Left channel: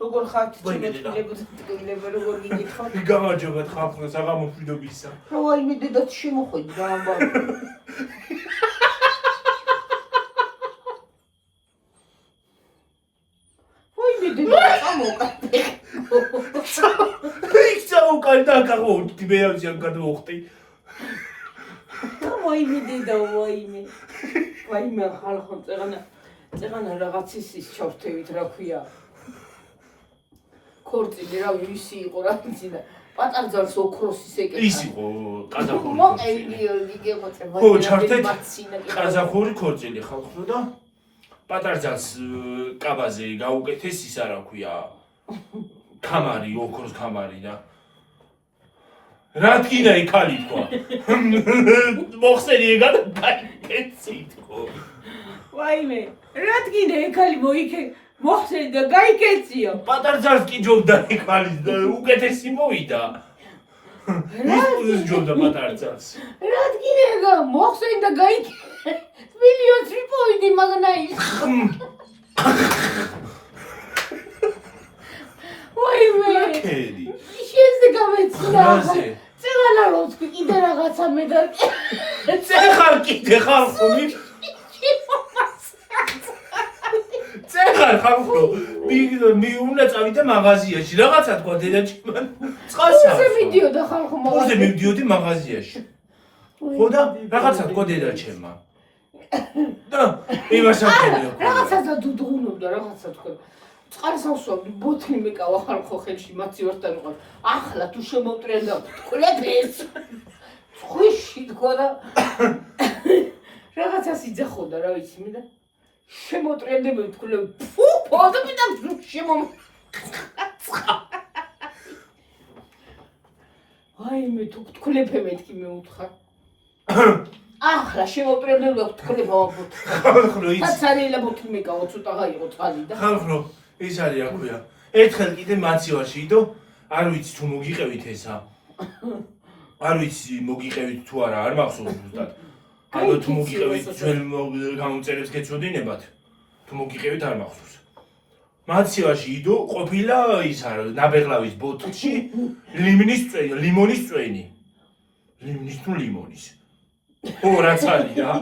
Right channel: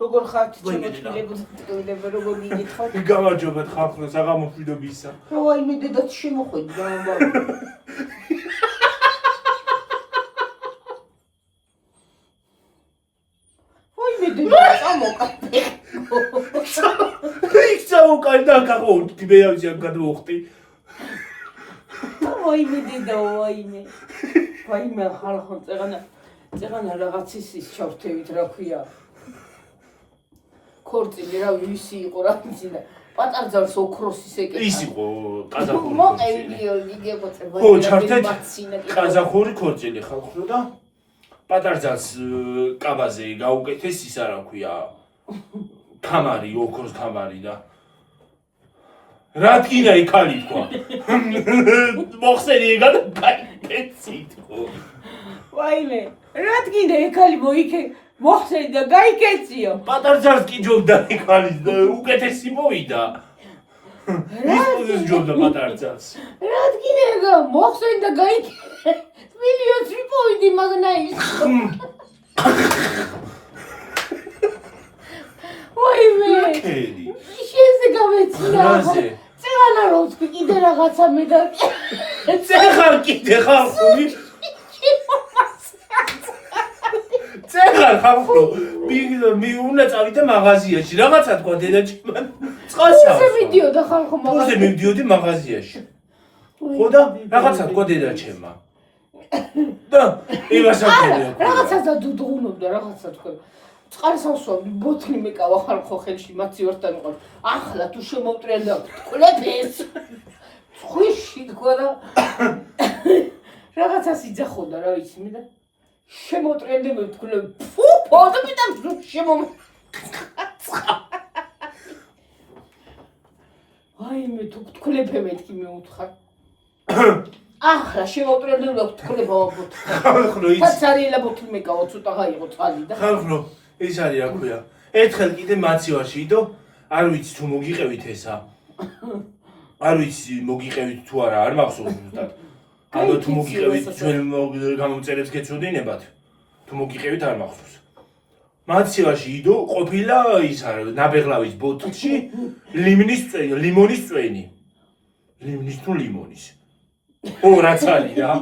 როგორ ხართ შემოწმებულები როგორ მიგითხავთ გამარჯობათ ხალხო საღამოშვიდობისა ვაიმე დედაც შემოხვედი რა ამბავი ვაიმე დედა წამოკარდე იქ წამოკარდა გაღოდი მეავზი ამ გადმოხტი ვაიმე დედა ვაიმე ხალხო წეღანა რაღაცის ის ჩავრთევით რა ქვია ქორწილი რა ვისი იყო რა ვიცი და პატარძალს ოქროსის ეკეთა ის იყო ყაზახური მოყევლიო იგეგოწება ხო ჩართეთ ყაზახური ქორწილი ხალხო და პატარძალს კაბაზე გაუკეთეს ის არა ქვია კამარი ოქროს კამარი და რა თქინა იქალი თქვა მოხსენი ეგა და გაიკეთით ხო ვაიმე რა თქინა იქალი მოიქე მოხსენი და გაიკეციო პატარძალს კი ჯობდა იქალი უკეთესი მოვიდა ის პოზის ჯობდა პატარძალს რა თქინა ეგა მოხსენი და გაიკე მილიონს ვიპოვიდი მაგნა ის ვაიმე ისე გამეცნა წელანა როსკი კიდე რაღაცა მე და წეხარ კიდე ხალხო წეხარ ხალხო მე უნდა წავიდე მაღაზიაში რაღაცა თქვა დედაჩემ წყალსა ისე მიდიოდა ხალხო მაღაზიაში მე მივდიოდი მაღაზიაში ხო და რაღაცა თქვა დედაჩემმა და იმასაკენია რაღაცა დუდღუნობდა რაღაცა თქვა წყალსავსვამი ბოთლი მეკავა ხალხო ხელში მაციორთან იყო ახლა თუ შემოვტრენდა თქლებს ხვიში თქვა და რაღაცას იძახოდა რა ვიცი მე და შემოტრენდა მე თქლებ ფუ პოდები და აი მე თუ თქლებ მეთქი მე უთხარ ახლა შემოვტრენდა და თქლებ ამბობ ხალხო ის ფაცარიელა ბოთლი მეკავა ცოტა გაიყო წყალი და ხალხო ის არის რა ქვია ერთხელ კიდე მაცივაში იდო არ ვიცი თუ მოგიყევით ესა არ ვიცი მოგიყევით თუ არა არ მახსოვს ზუსტად ალბათ თუ მოგიყევით ჩვენ გამოწერებს გეცოდინებათ თუ მოგიყევით არ მახსოვს მაცივაში იდო ყოფილა ის არა ნაბეღლავის ბოთლში ლიმონის წვენი ლიმინის თუ ლიმონის ო რაც არის რა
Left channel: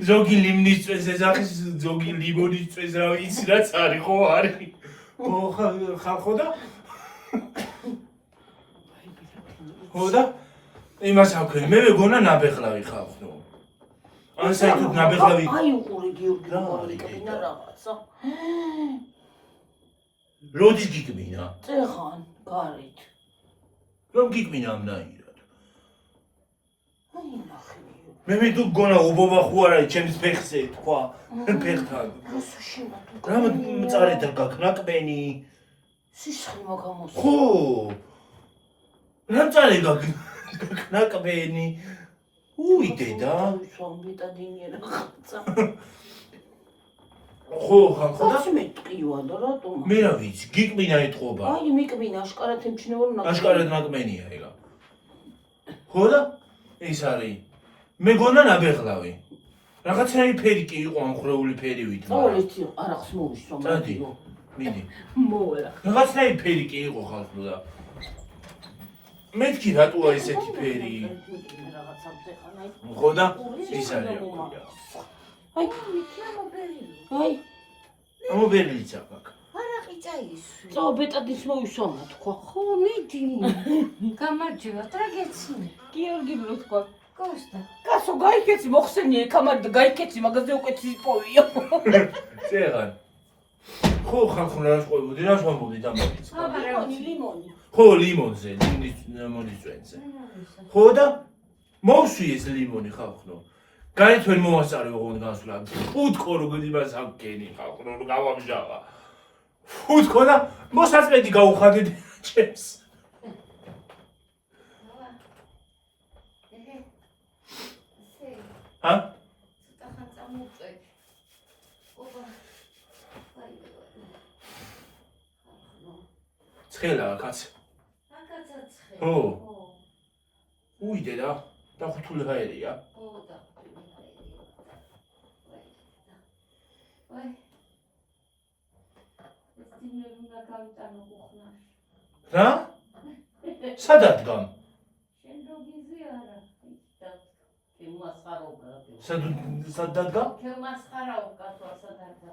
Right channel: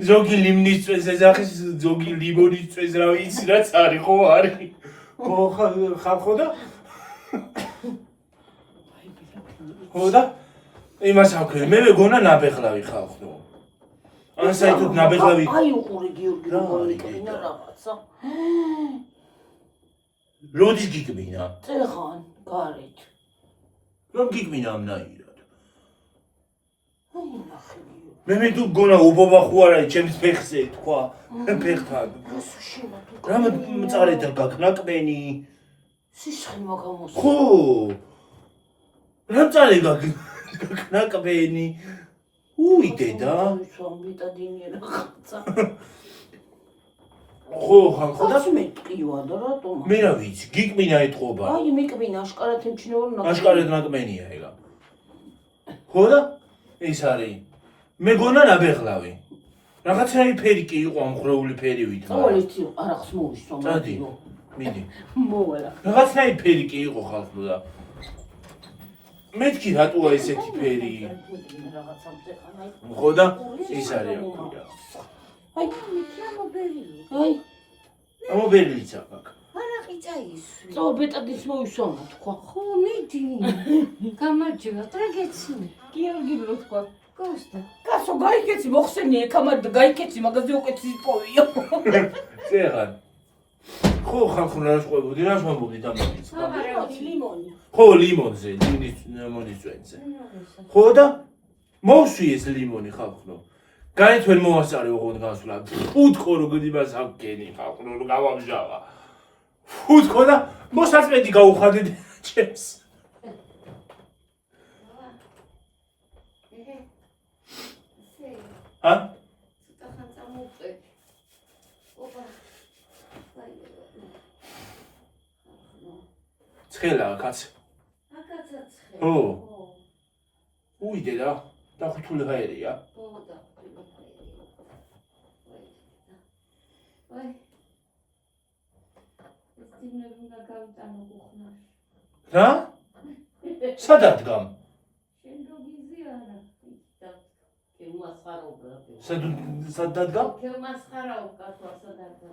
ზოგი ლიმნის წვენს ეძახის ზოგი ლიმონის წვენს რა ვიცი რაც არის ხო არის ხო ხალხო და ხო და იმას აქვე მე მეგონა ნაბეღლავი ხალხო ან საერთოდ ნაბეღლავი აი უყური გიორგი როგორია რაღაცა როდის გიგმინა წეხან გარეთ რომ გიგმინა ამნაირად აი ნახე მე თუ გონა უბობა ხო არა ჩემს ფეხზე თქვა ფეხთან რა მწარეთ გაკნაკმენი სისხლი მაგამოს ხო რა მწარე გაკნაკმენი უი დედა ვიტადინი რაღაცა ხო ხალხო და მე ტყივა და რატომ მე რა ვიცი გიკმინა ეთყობა აი მიკმინა აშკარად ემჩნევა რომ აშკარად ნაკმენია ეგა ხო და ის არის მეგონა ნაბეღლავი რაღაცნაირი ფერი კი იყო ამხრეული ფერივით მოვალეთ არახს მოვისვა დადი მიდი მოვალა რაღაცნაირი ფერი კი იყო ხალხო და მეთქი რატოა ესეთი ფერი ხო და ის არის რა ქვია აი მოკერილი აი ამობერილიც აქ არაყი წაისვი წო ბეტადის მოვისვა თქვა ხო მიდი გამარჯობა ტრაგეცი გიორგი რო თქვა კოსტა კაცო გაიქეცი მოხსენი ეკამარ და გაიქეცი მაგაზე უკეთს იპოვიო წეღან ხო ხალხო რა შეყვებოდი რა შემობოდი დამოდის ლიმონი ხო ლიმონზე ლიმონის წვენზე ხო და მოვსვი ეს ლიმონი ხალხო გარეთ ვერ მოვასწარე ოღონდ გასვლა ფუტკო როგორ იმას აღგენი ხალხო რომ გავამჟავა ფუტკო და მოსაწმედი გაუხადეთ ჩემს ა ცოტა წამოწევ ოპა ცხელა კაც აკაცა ცხე ო უი დედა დახუთული გაერია ო და აი უნდა გავიტანო გუხნარ. რა? სად ადგამ? შენ როგიზე არა. გემასხარობდა. სად დადგა? გემასხარობდა თორსადარდა.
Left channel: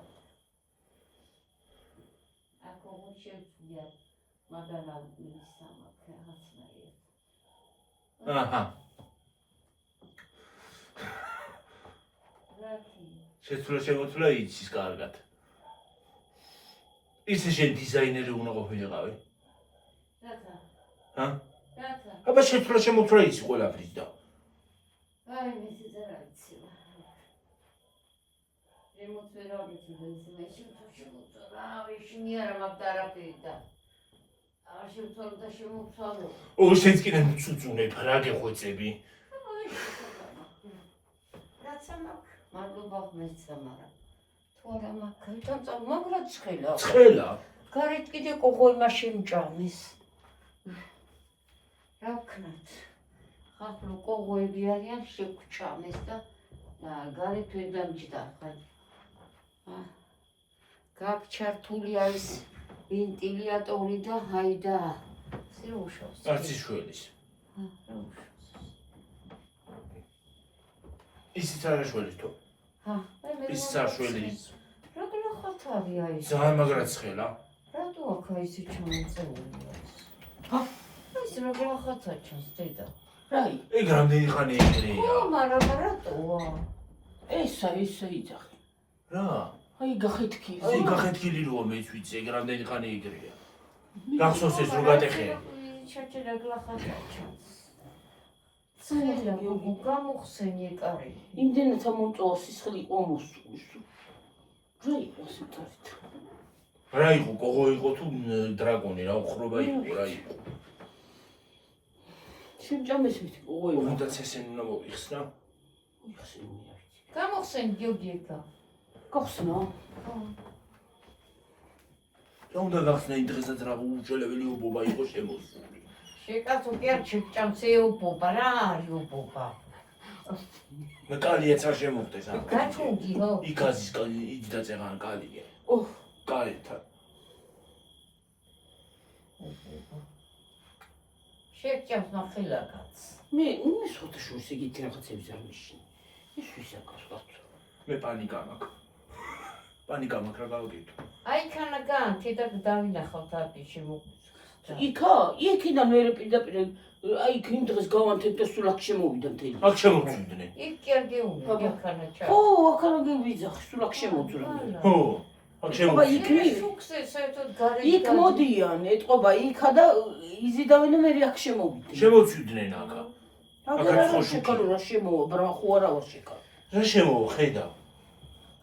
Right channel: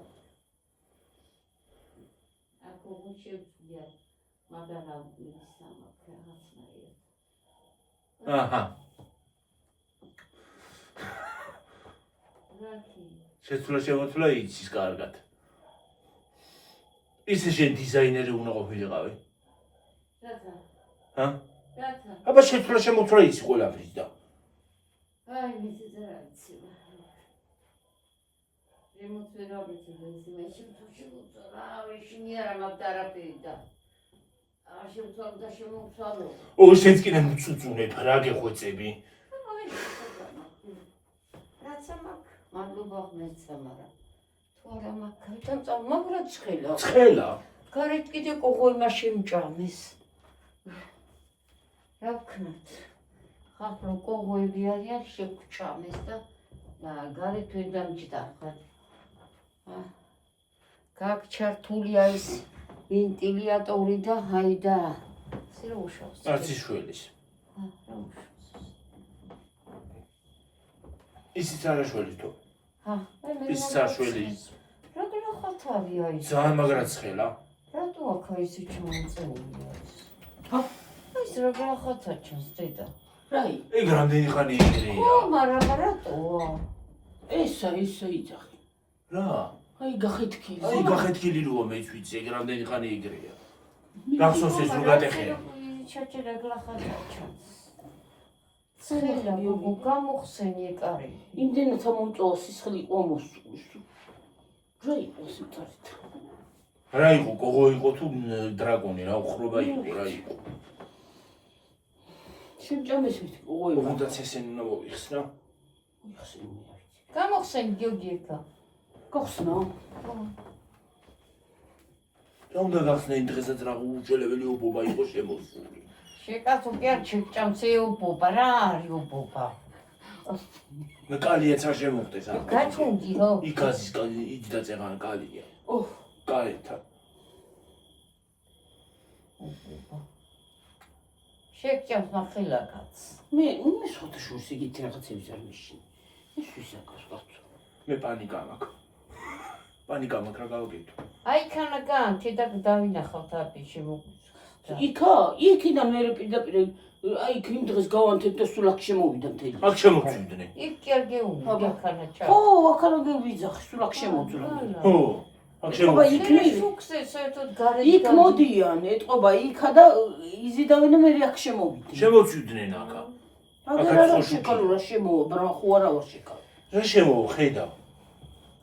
აკო შეჭია მაგალამ ისამა ქააცნაია. აჰა. რაკი. შეცვლა იცის კარგად. ისე შენ დიზაინერი უნდა ყოფილიყავი. რათა? ჰა? რათა? აბა შეცვლა იცი ყველაფრის და. აი მისი ზრაიცი. რემოცერაბიცი ბენზინაში შეუწო რა ვიშინი არა მაგდარაფერი და არ შეუწო და შემოწალო. ო შენც კიდე მუწუწუნებ რა გეხვეწები? რაცა მაგ მადლობა მეცამარა. თუ არა მაგ ქალთან წამაგრად ცხელა. ცხელა? გარეთ კიდე ყოღოიმა შემჭამეს. რა ვქნათ? ხაფრო ყოღოები არიან შეგვჭამეს და გარეთ ვერ დამჭდა ხარ. გაგჩართული არის ვენტილატორი და ჰაიდა. სი რო უშავს. არც შველის. რა უშავს. ისიც არა შველის თუ. ისიც არ შველის. როგორ ხათავია ის? ძალიან მაგრად ცხელა. რატო აქ ისე ჩამოწეული? ის როგორ ხათა ჩანს დედა? რაი ეგ რამდენი ხანი ეგრეა? მაგრამ რატოა? ესა იძახი რა? აი გახეთქილი აი გახეთქილი როა მეც ვიცი ეგ რამდენი ხანი ეგრეა. გახსოვს ეს რო გატეხე? ჩაჭერა გლახათა ჩანს. ცელა გოგო გამოხსენი ეკარი. იმდენად ამომწოვა სისხლი იყო მოსწვის. რა იყო სიტყვით? რა იყო გოგო იყო თუ დრაკონი რა უხრობა იყო რა იყო? შემჭამეს ვიცი ყოე უნდაც ესენი უნდა მოიხსნა. მოიხსენი არ ვიცი. გამოხსენი გიოგი ეკა. გახსნა? რა უნდა გახსნა იმ დღესაც რა უჩვენებელი უბობა იყო შემოსული. შეკაცო კი არ შეჭამს ეუბობა რა არის უბობა? მე კალიაც არ შემოხდეს ამ. გაწუნდიო? იქაზის კალი იჯდა წეღან კალია. ოჰ კალითან. შეჭამს ნახელაკაც. მე მისხოთი შუს იგითი რაღაცები არ მიშინ. ის ვისა კარგად. მე პანიკა მაქვს. პანიკა მაქვს რა გავაკეთო? აი ქანაგან თედა დავინახავთ აპი შემოგვიწყდა. იქა იქიდან მე პირდაპირ აი იმ დღეს გავანთებ და სულ აქ შემოვიდა მთელი. აქ შემოვიდნენ. იქ კი არ გეუბნები ქანა ჩა. ო აქ არ გევიძახი სულ აქ შემოძრა. ხო. აქ შემოვიდნენ. იქ შუქზე საერთოდ გარეთ იქ მოდიან ეტყობა იქა და იზიდავენ და მე აქ შემოვიდნენ. შემოვიდნენ აქა. აგერ არა შეკალო რა შემოვა ბრა ხო არა ვარ შეკალო. რა შემოვა ხედა?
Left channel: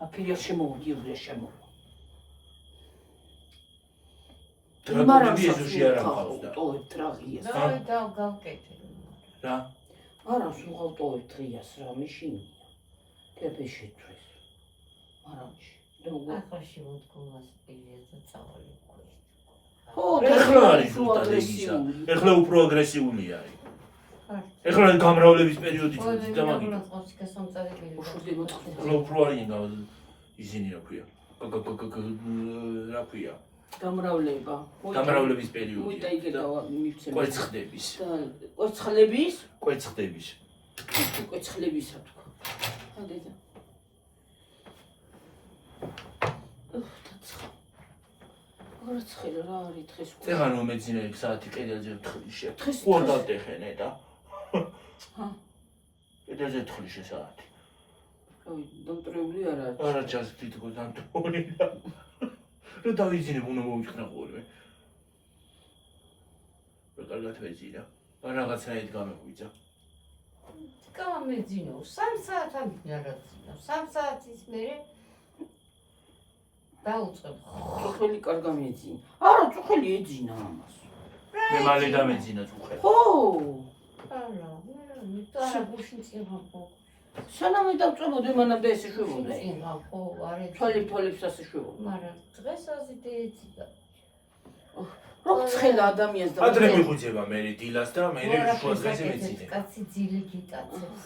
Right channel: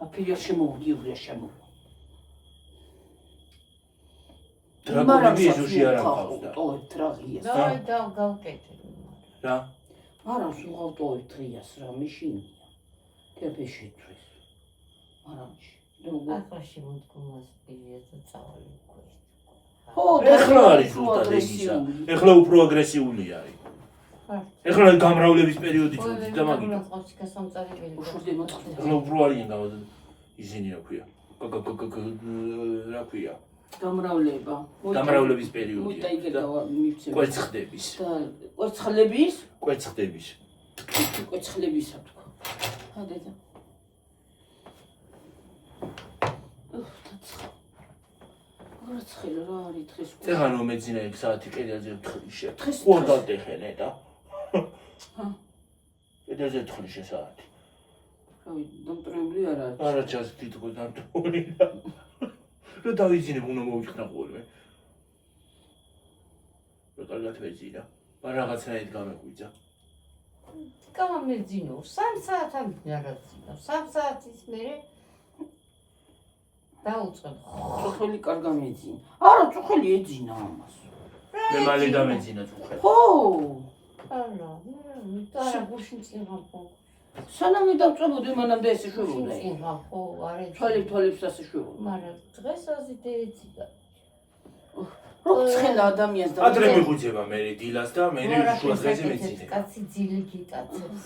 აფირი არ შემოვა გიობრია შემოვა. დრაგონები ეზოში არ ამყავდა. ტოვებთ რა ღიას. აი და გავკეთე. რა? არა სულ ტოვებთ ღიას რა მიშინია. კეფე შეწვეს. არამში. როგორ ახლა შემოდგომას პირია და წავალი უკვე. ხო ეხლა არის ზუსტად ეგისა. ეხლა უფრო აგრესიული არის. ეხლა გამრავლების პერიოდი წუთი და მაგით. უშურდი მოწყდა. ეხლა უფრო არიან ისინი რა ქვია? რა ქვია? გამრავლება. გამრავლების პერიოდი. მოიტაიგე და მივცემ. კვეცხდების. კვეცხლების? კვეცხდების. კვეცხლებისა თქვა. ხადედა. რაცხველი რა არის დღეს? წეღან რომ მეძინა იქ საათი კედელზე ვთხრი შე. დღეს ყურდადეხენე და. ჰა. კედელზე ვთხრი შე საათი. რავი, დამტრეული არ არის. არა ჩას თითქოს დამტრეული და. რა დავიძინებ უნდა მოვიხსნა ხოლმე. რა კარგად ვეძინა. რაღაცნაირად გამეღვიძა. გამეძინო 3 საათამდე რაღაცა. 3 საათის მერე დაუწყებ. წუხელი კარგა მეძინა. არა, წუხელი ეძინა ამას. მე მალე დამეძინა წუხელი. ხო. არა, არა, გუშინ წიღავ. სანამ დავწებოდი მანამდე ეს შვებოდა. წიღავ, ხო, არა. თვალებს ასე შვებოდა. მაგრამ დღეს აზიდე ეციდა. რო ცხელა ადამიანს და ადრე მიღვიძება მე დილას და მე შუა დღეზე მეძინე. კაცი ძილი გიტაცებს,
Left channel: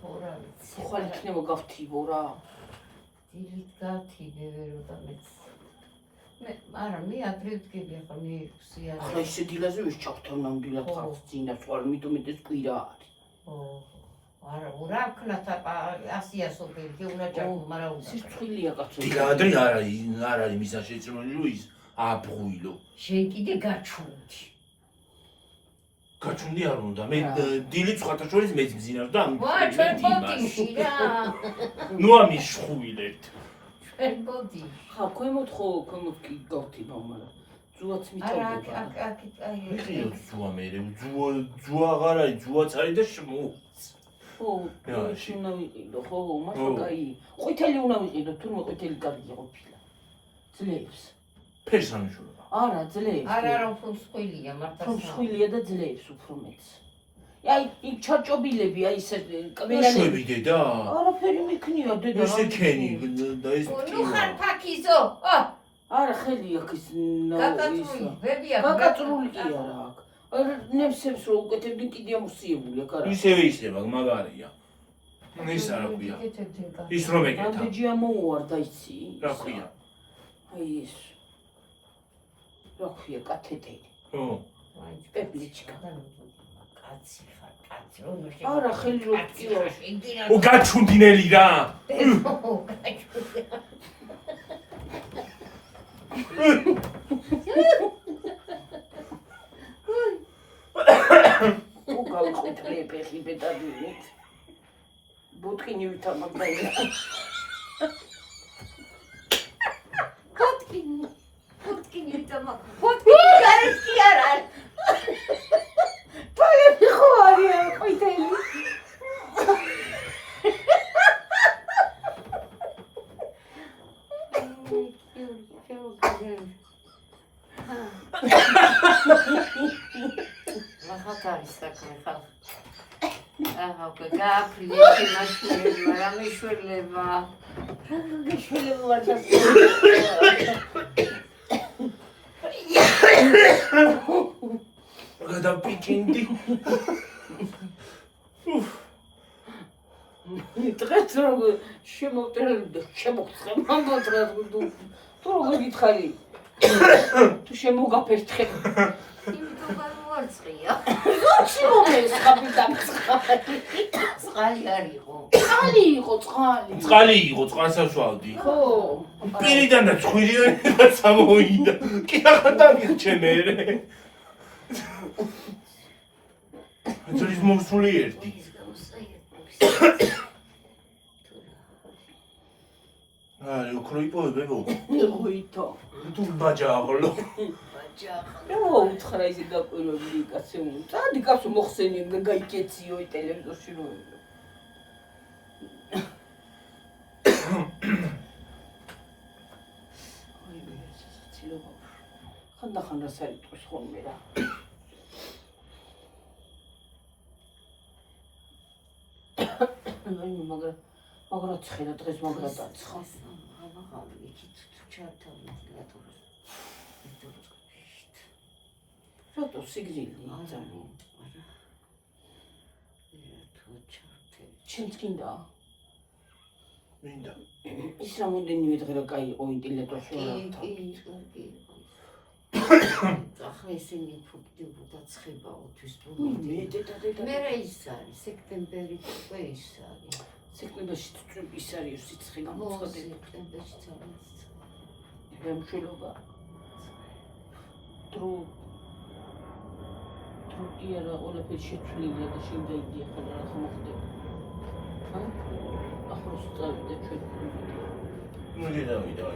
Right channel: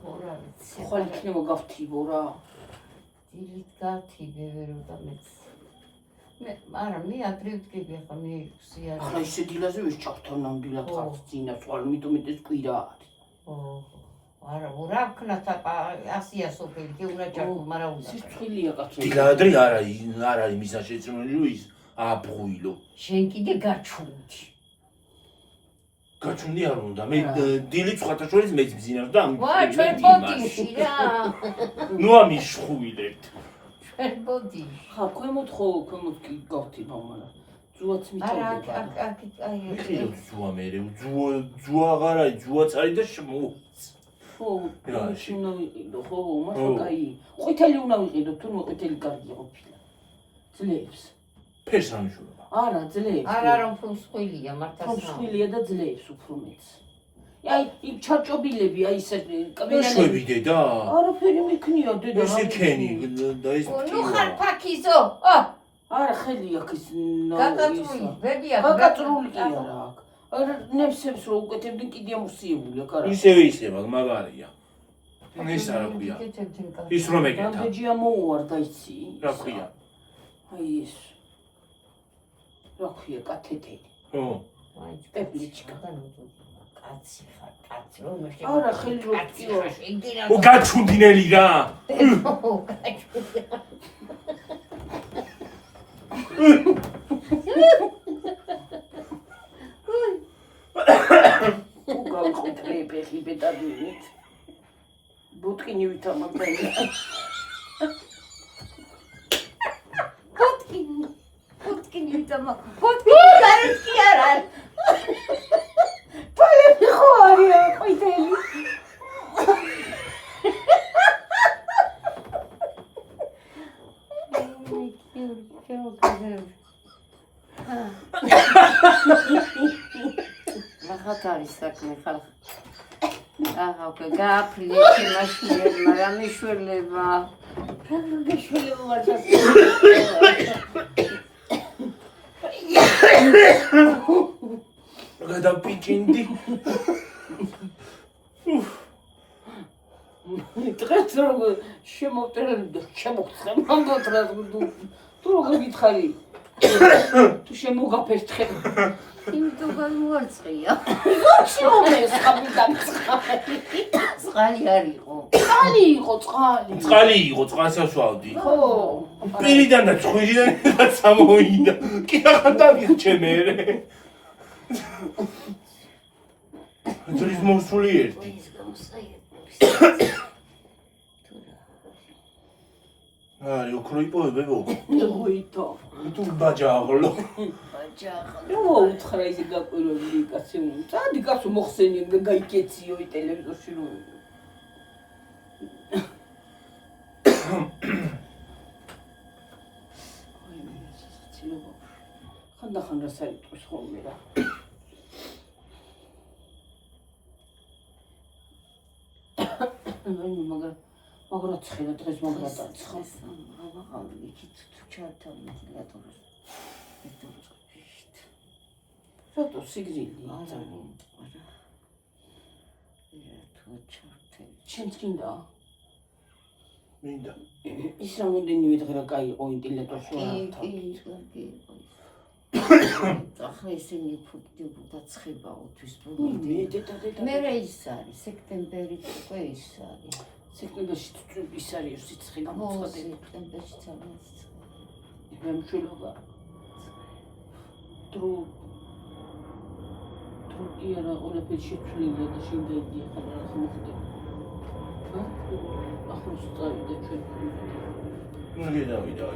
ხო რა ვიცი. ხვალ იქნება გავთიბო რა. დილით გავთიბე ვერ ვამეც. არა, მე ადრევდგები ახლა მე სია. ახლა ისე დილაზე ვის ჩავთან ნამდვილად ხო. ხარ ძინა სულ მიტომ ეს კვირა არის. არა, რა ვქნათ ასია სოფელი, კი უნდა ჯარკო, მაგრამ უნდა. სიცხილია კაცო. დილადრი არა იმისა შეწმული ის აბღუილო. შენ კიდე გაჩვენდი. გაჩვენდი არ უნდა. მე დილით სხვათა შორის მეც მძინავს და ვა, ჩვენ ბოდიში რა. ნუ ამიშხუილეთ. ჩვენ ბოდიში. ხა ქვემოთ კი გავთი მამალა. ძუაც მიწოვდება. არა, აი. მიხილოთ ძუა მერე, ძუა აღარა, ძუა წარი და შემოუც. ხო, შენ ვიყიდო, ხო, მაგრამ კაი. ყვითელი უნდა ვიყიდო, თურმე ყვითელი კარგი ყოფილა. ძლებს. ფერს ამიშურება. არა, ძლებს. არა, რომ ფუსხილია, მართლა. ფუსხილია და ძლებს უფრო მეც. აი, იქ ჩარჭობილები, აი ესე შვები დედა. არაფერი მიქნია, დედა. ესე ქენი და ეს ნუ ხარ ფაქიზო. არა, ხელი აქ ის გაგაწრული, ბებია. გაგაწრული კი არა აქ. ნებსებს რო უკეთებდნენ კიდე ამოსიებული აქ არა. ისევ მაგარია. ეს არა ქვია. ის რომ ეკეთა. ბეჯი ამოუარდა იცი. რა ქვია? აი ეს. რა ქვია, კათედერი. ხო. პეპლიჩკა. კაცი ხარ, კაცი. რომ მე არა, ხელი რო კიო. ო გაჩუნდინელი რა. უგავიხეთრე ფეხი ბედადვინით. ბუტკინი ვითამაგდა. ბუტკინი ვითამაგდა. ბუტკინი გარეთი არა. პალები ხო არიან ყვითელი. Rahatari sakın kal. Aha, gaapli çamaşırlar, ramişurlar. Ramişurlar. გადავპიჭინდი. დღეს როგორ შემოვწერდი და შემოგცხე მანდოტრას თუ როგორ გითხარი თუ შემოგაფერთხე იმიტომ გამორწყია. შოუეს კაპიტანი წყალი არ იყო. წყალი იყო წყალსაშვალდი. ხო პირიდან და ცხვირიდან სამოიდა. კი ახლა დამიხჩე მე. ეს მოსული ერთი. აი, ოქროიპოვებებო. მოიტო თუ ბაჯაღლო. რა უთხრა ისე გაყვირებული კაცი წადი კაცო მოხსენიე და გაიკეციო ტელევიზორში რომ ხანდახან რა საიტყვის ხოლმე რა აი მაგრამ ცხელა დღეს მაგრამ დაცხეს აღარ იქით ჩართავი ლატორს რატო სიგრილი ჩემს გინდა მინდა ის რამდენივე დღე რა კაი იყო ინტელექტუალში ახლა ისინი ფუქდებოდა ცხებაოთვის მე მე ის არის სექტემბერი უკვე ის არის სექტემბერში ის არის სიცხე გამოცხადებული სექტემბერში არის რამშულობა კი არა ყველაფერი შეცვლილია და შენ გაიგია ხოლმე რა მოხდება ახლოს წავიდა ჩვენ ნუ გადავიდა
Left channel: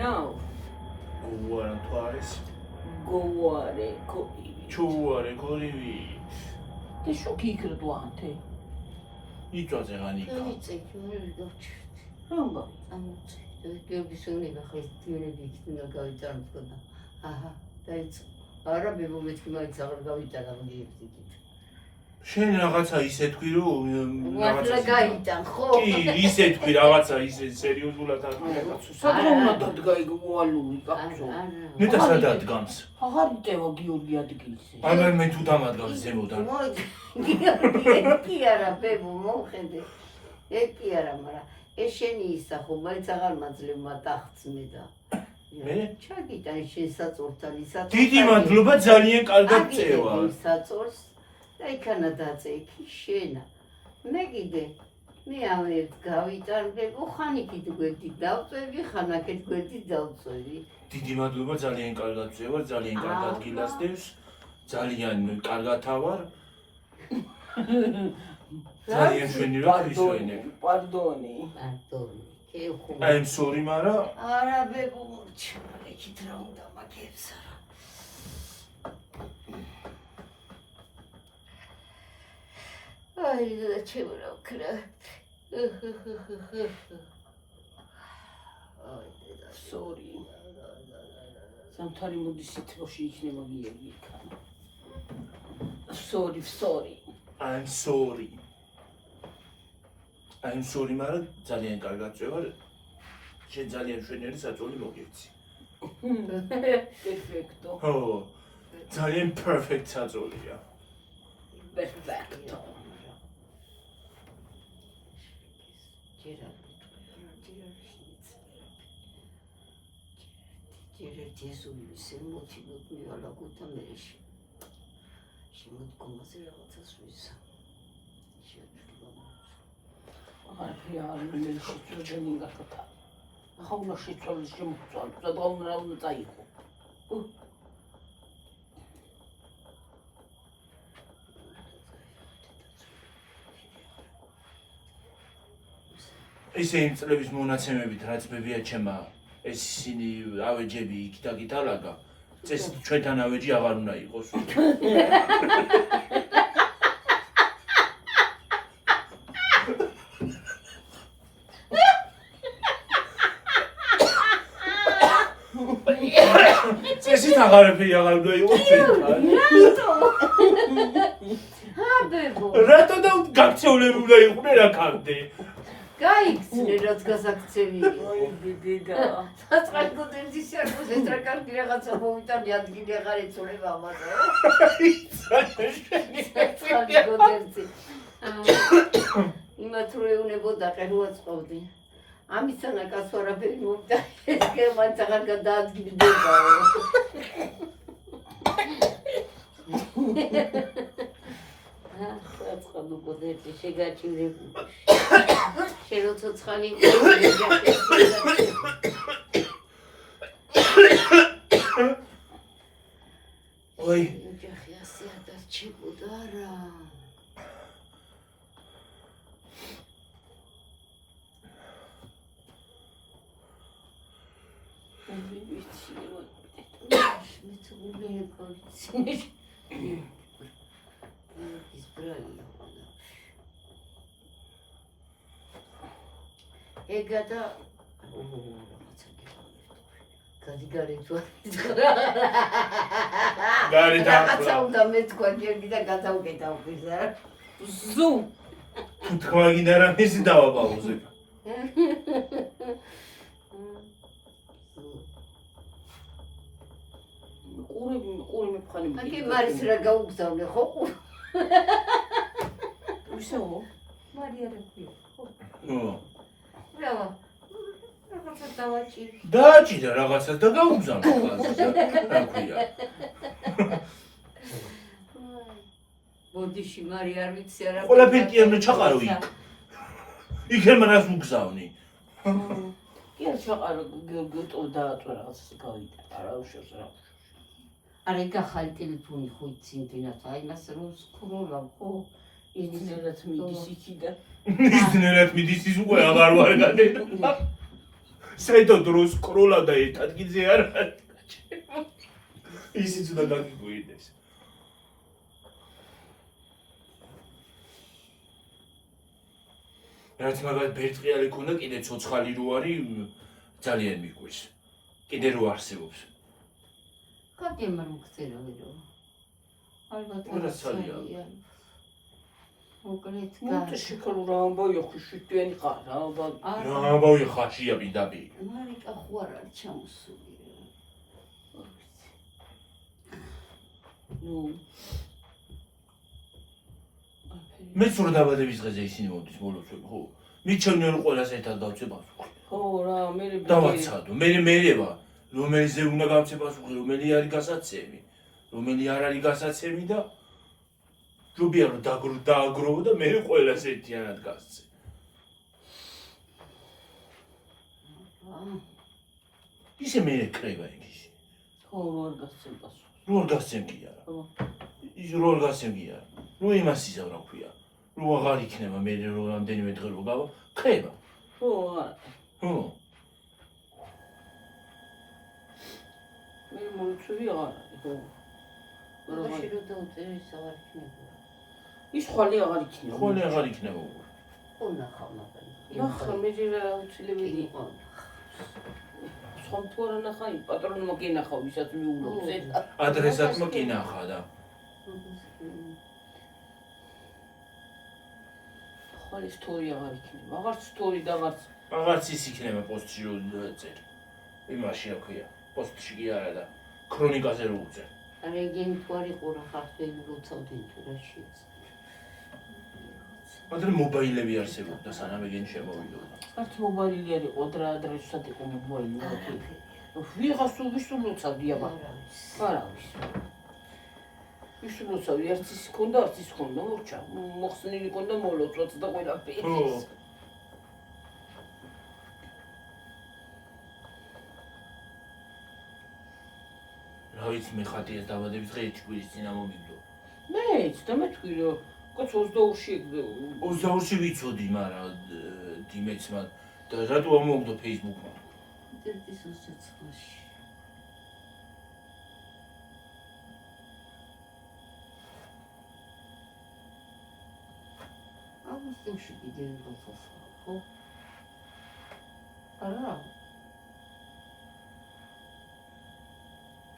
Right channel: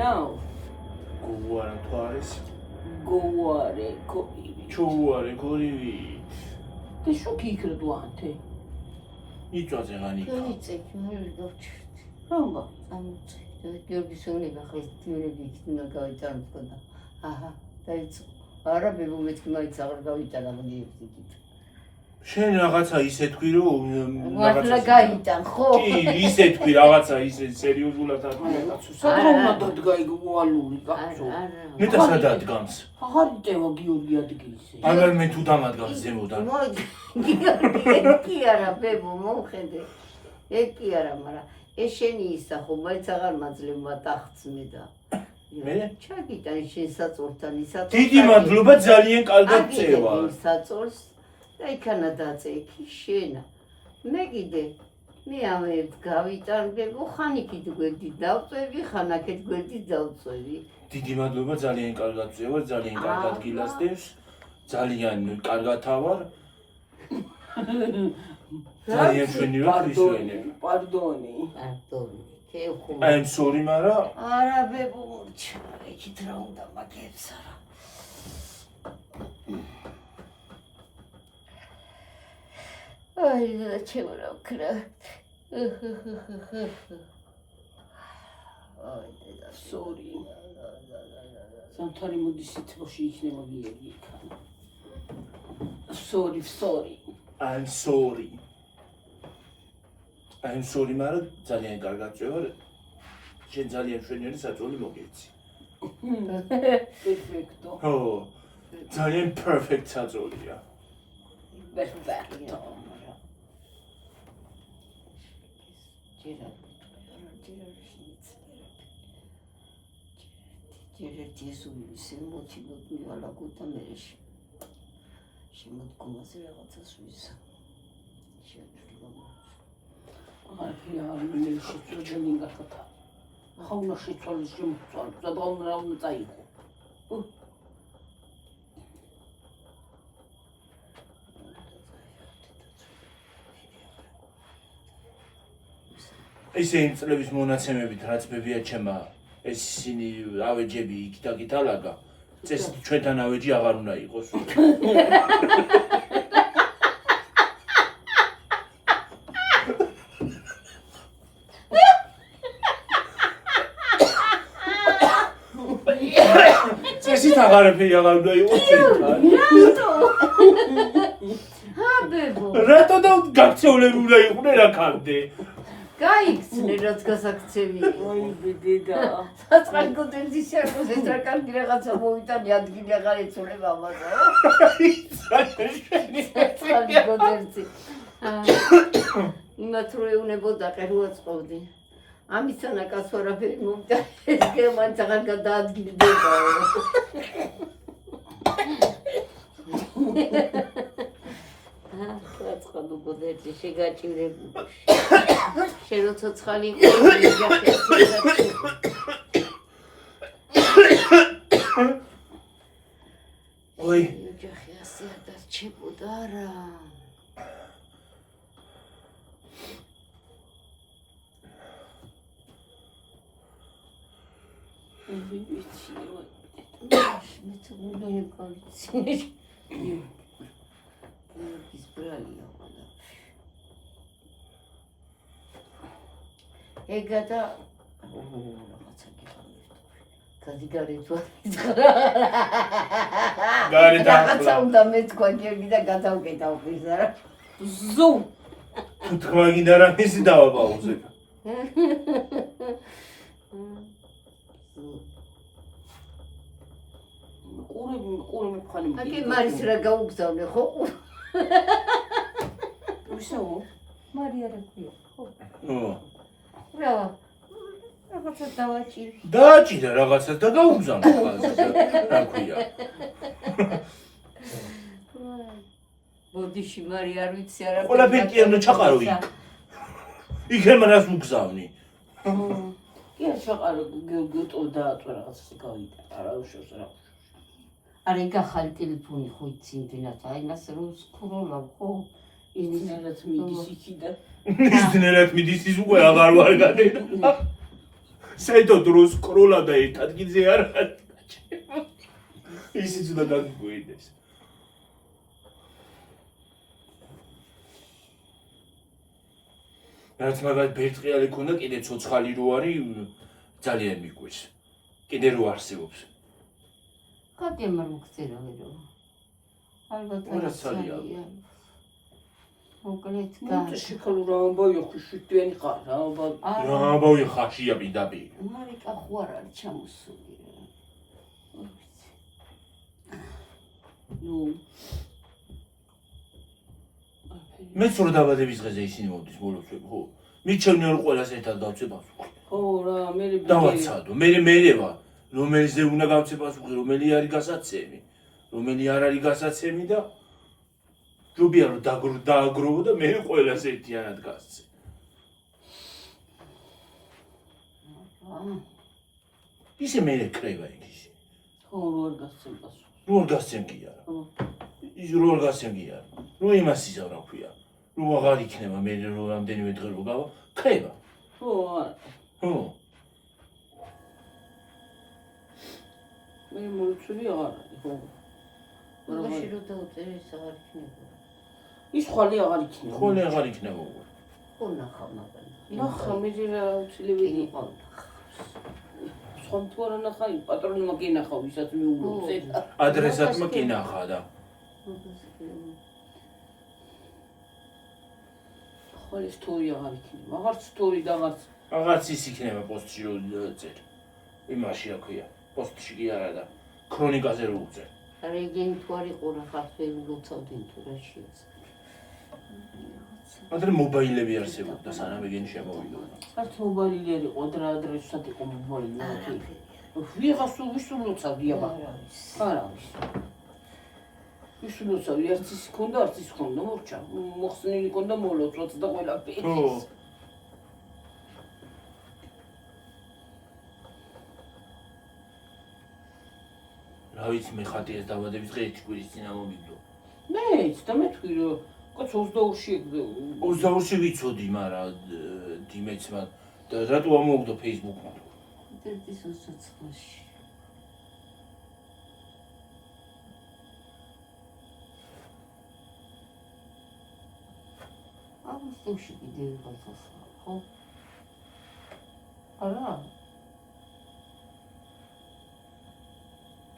Now, გუარა თუ არის გუარე ჩუარე გორივი და შოკი იქრდვანთე იწვაზე განიკა იცით მოი გავჩერდი რომა ამოწე გებისონი ახლა თირები იქნა გავიწარდა აჰა დაიწყო არაბი მომეთქი მაინც აღარ გავიტანა გიებდით შენ რაღაცა ისე თქვი რომ რაღაცა გაიტან ხო კი ისე თქვი რაღაცა ისე სერიოზულად არ საერთოდ დადგა იქ მოალული კაცო ნეტა სადადგამს აღარ იტევა გიორგი ადგილზე აგარ მე თუ დამადგავს ზემოდან კი არა ბებო მოხედე ეგ კი არა მაგრამ ეს შენი ისახო, მაინც აღარ მაძლევ მატახც მე და. მე? ჩაგიტან შენ საწოლთან ისაწოლს. დიდი მადლობა ძალიან კარგად წევა. საწოლს და იქანა დაწექი შენა. მე კიდე მე ამერთ გავიტარგებო, ხან იქით გვერდი დავწევი, ხან აქეთ გვერდი დავწევი. დიდი მადლობა ძალიან კარგად წევა, ძალიან კარგად გილასდევს. ძალიან კარგად ავარ. ძალიან ჩვენი რა ქრისტიანები. პარდონი. პარდონი. I'm sorry, მარა. არა ბებო, იქით რა უნდა მაგებს არა. აი, ჩემო რა ვქნა. აი, და sorry. სამთარი მოდის სიტყვაში იქნება გიგი იქან. sorry. I'm sorry. I'm sorry, მარა ძალიან კარგად წევა. შენ ძალიან მშვენიერი საწოლი მოგეცი. Perfecto. ხო. ძალიან perfect საწოლია. Perfecto. Tiră tezul, se motivă cu eu la gota mereș. Și mă duc cum să rămâță suisa. Și atunci Iar lumea și țările din gata. Hauna și țările și muțoan, să dau una taicu. ესე იმ წლების მონაცემებით რაც ბებია ჩემა ეს ისინი ავეჯები იქ და გითალაგა წესით ჩვენთან ავეჯი აღარ უნდა იყოს წესით აღარაფერი აღარ უნდა იყოს ჩვენთან ბებო რატო და გაქცეულები უნდა იყვნენ აქამდე გაიქცნენ რაც გასაქცევი Ой, беда. საწყალ გოდერძი შეგოს ეს რა კარგი რაღაცა მოვიტანი ადგილი აღარ ეცოლება ამაზე საწყალ გოდერძი იმათ რო ეუნებოდა ყერუა წყობდი ამისანა კაცო არაფერი მოვიტანი ეს გემანც აღარ გადაადგილდება საწყალ გოდერძი შეგაჭირებული შენ ცოცხალი ой ოჯახი ასე არ დარჩებოდა რა ეგადა გადიგარეთვა გარი და უნდა მე თქვა გერგი და გადავკეტავ ხიზა რა Zoom. თუ თქვა გინდა რა მისი დავაპაუზე ყური ხანი. აკი მარის რა გაუგზავნე ხო? უშაო. მარია რა ქვია? ხო. ო რა. რაღაცა დავაჭი. დააჭირა რაღაცას და გაუგზავნა ხალხს რა ქვია ბოდიში მარია არ ვიცი არა. ყველაფერი კი უნდა ჩაყარო იქ იქ ემრას უგზავნი კი ჩაყარო გეტო და რაღაცას გავიდა. არა უშავს რა. არა გახალი ტელეფონი ხო იცინდენათ აი მას რომ სკროლა ხო ინტერნეტ მიდის იქიდან. ისნერად მიდის ის უკვე აღარ ვარ გადაედა საერთოდ დროს სკროლა და ერთ ადგილზე არ ისიც უნდა გაგიგვიდეს რაც მაგათ ბერტყიალი ქონდა კიდე ცოცხალი რო არის ძალიან მიგვეს კიდე რო არსებობს კატი მომხწერა მერო ალბათ რა ცალია მოკლედ ნუ შეკალურა ამბავი ხუშტიანი ხარ ამბავი. რა ამბავი ხაშია ბიდაბი მარიკა ხო არ არის ჩამოსული ნუ მეც რო დაბადების დღეზე ისინი მოვდის ბოლოს ხო მიჩვენე რომ ყველას ერთად გავცე პასუხი. ხო რა, მე დავაცადო. მერევა, რომელზე უნდა გავცე პასუხი, რომელი არის გასაცემი, რომელი არ არის გასაცემი და ჯობია რომ დააგროვო და მე ყველას ერთიანად გასცე. ისე მე ეკრება იქ ისე. ხო, არ გასცემ პასუხი. როგორ გასცემ კი არა. ის როგორ გასცემ კი არა. რო იმას იზავ რა ქვია. რო აღარ იქნება მე რო რამდენიმე დღე რო გავა, ხრება. ხო, არა. ხო. მე მოიწვევი აღარ არის, ხო. მაშინ რო დაუწერე აღარ იქნება. ის ხვალე აღარ იქნება. ხოლე აღარ იქნება უკვე. ხო ნახავ მაგალითად. ნახა, მე რა უცილებელი იყო. ხომ თუ არა ნახა, პატრონმა კინახა, ვისაც მიულობს ეს. ადრესატმა კი ნახა და ხვალე სტორი აღარ იქნება. აღარც სტორი და აღარც ის იქნება პოსტში რო წერ. იმაში რა ქვია, პოსტში კი არა და ქრონიკაზე რო უწერ. რეგენ თუ არ იყო რა ხარფენ როცავდნენ თუ რა შეეც. ადრე მობაილები არსებობდა სანამ ეგენ შემოვიდოდა. არც მობაილი არ იყო, ადრესად იყო მობაილი. ვიღას უსულოცავდი აბა. არა. უსულოცავდი, არც ის ქონდა, არც ის ქონდა, მორჩა. მოხსნილი ქონდა მოლოწოც და ყველაფერი. ხო. რა ვიცი მე ხატიას დაბადების დღე ერთი კვირის წინა მომიგდო. მეც და მე თქვი რომ კაც 22-ში 22-ში ვიცოდი, მაგრამ დიმეც მაგ და რატო ამოგდო Facebook-მა? ის უცოცხლაში. ამის თემში ვიდეო გასასწრაფო, ხო? არა.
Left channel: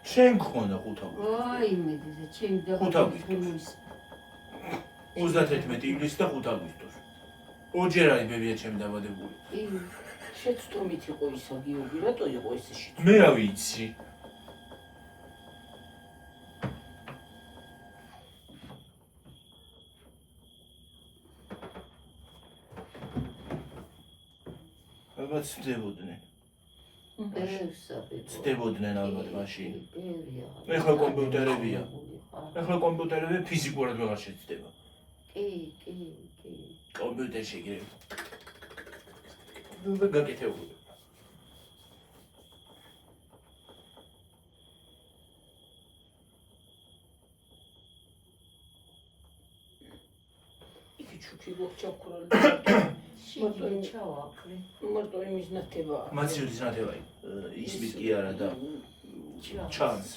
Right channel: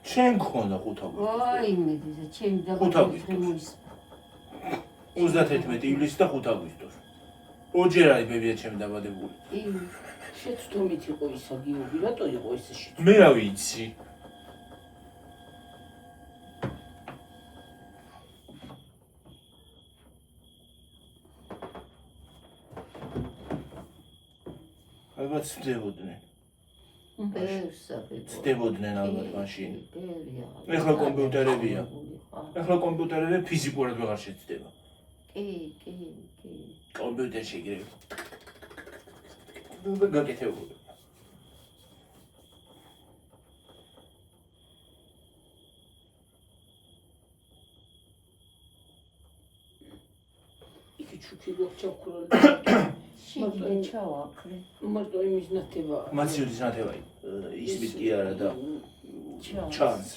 შენ გქონდა 5 აგვისტო. აი მედი და ჩემი 5 აგვისტოს. 31 ივლისი და 5 აგვისტოს. ოჯერ არის ბებია ჩემი დაბადებული. შეცდომით იყო ისა გიორგი, რატო იყო ესე შეცდომით? მე რა ვიცი. ალბათ ცდებოდნენ. ცდებოდნენ ალბათ მაშინ. ეხლა კომპიუტერებია. ეხლა კომპიუტერები ფიზიკურად ვეღარ შეცდება. კი. კომპიუტერში იგი გაკეთებული. იქი ჩუქი გოჩაქურა. შეიძლება ჩავაქრე. მარტო იმის ნათება. მაცივრის ნათებაი. ისმის კი არა და ჩანს.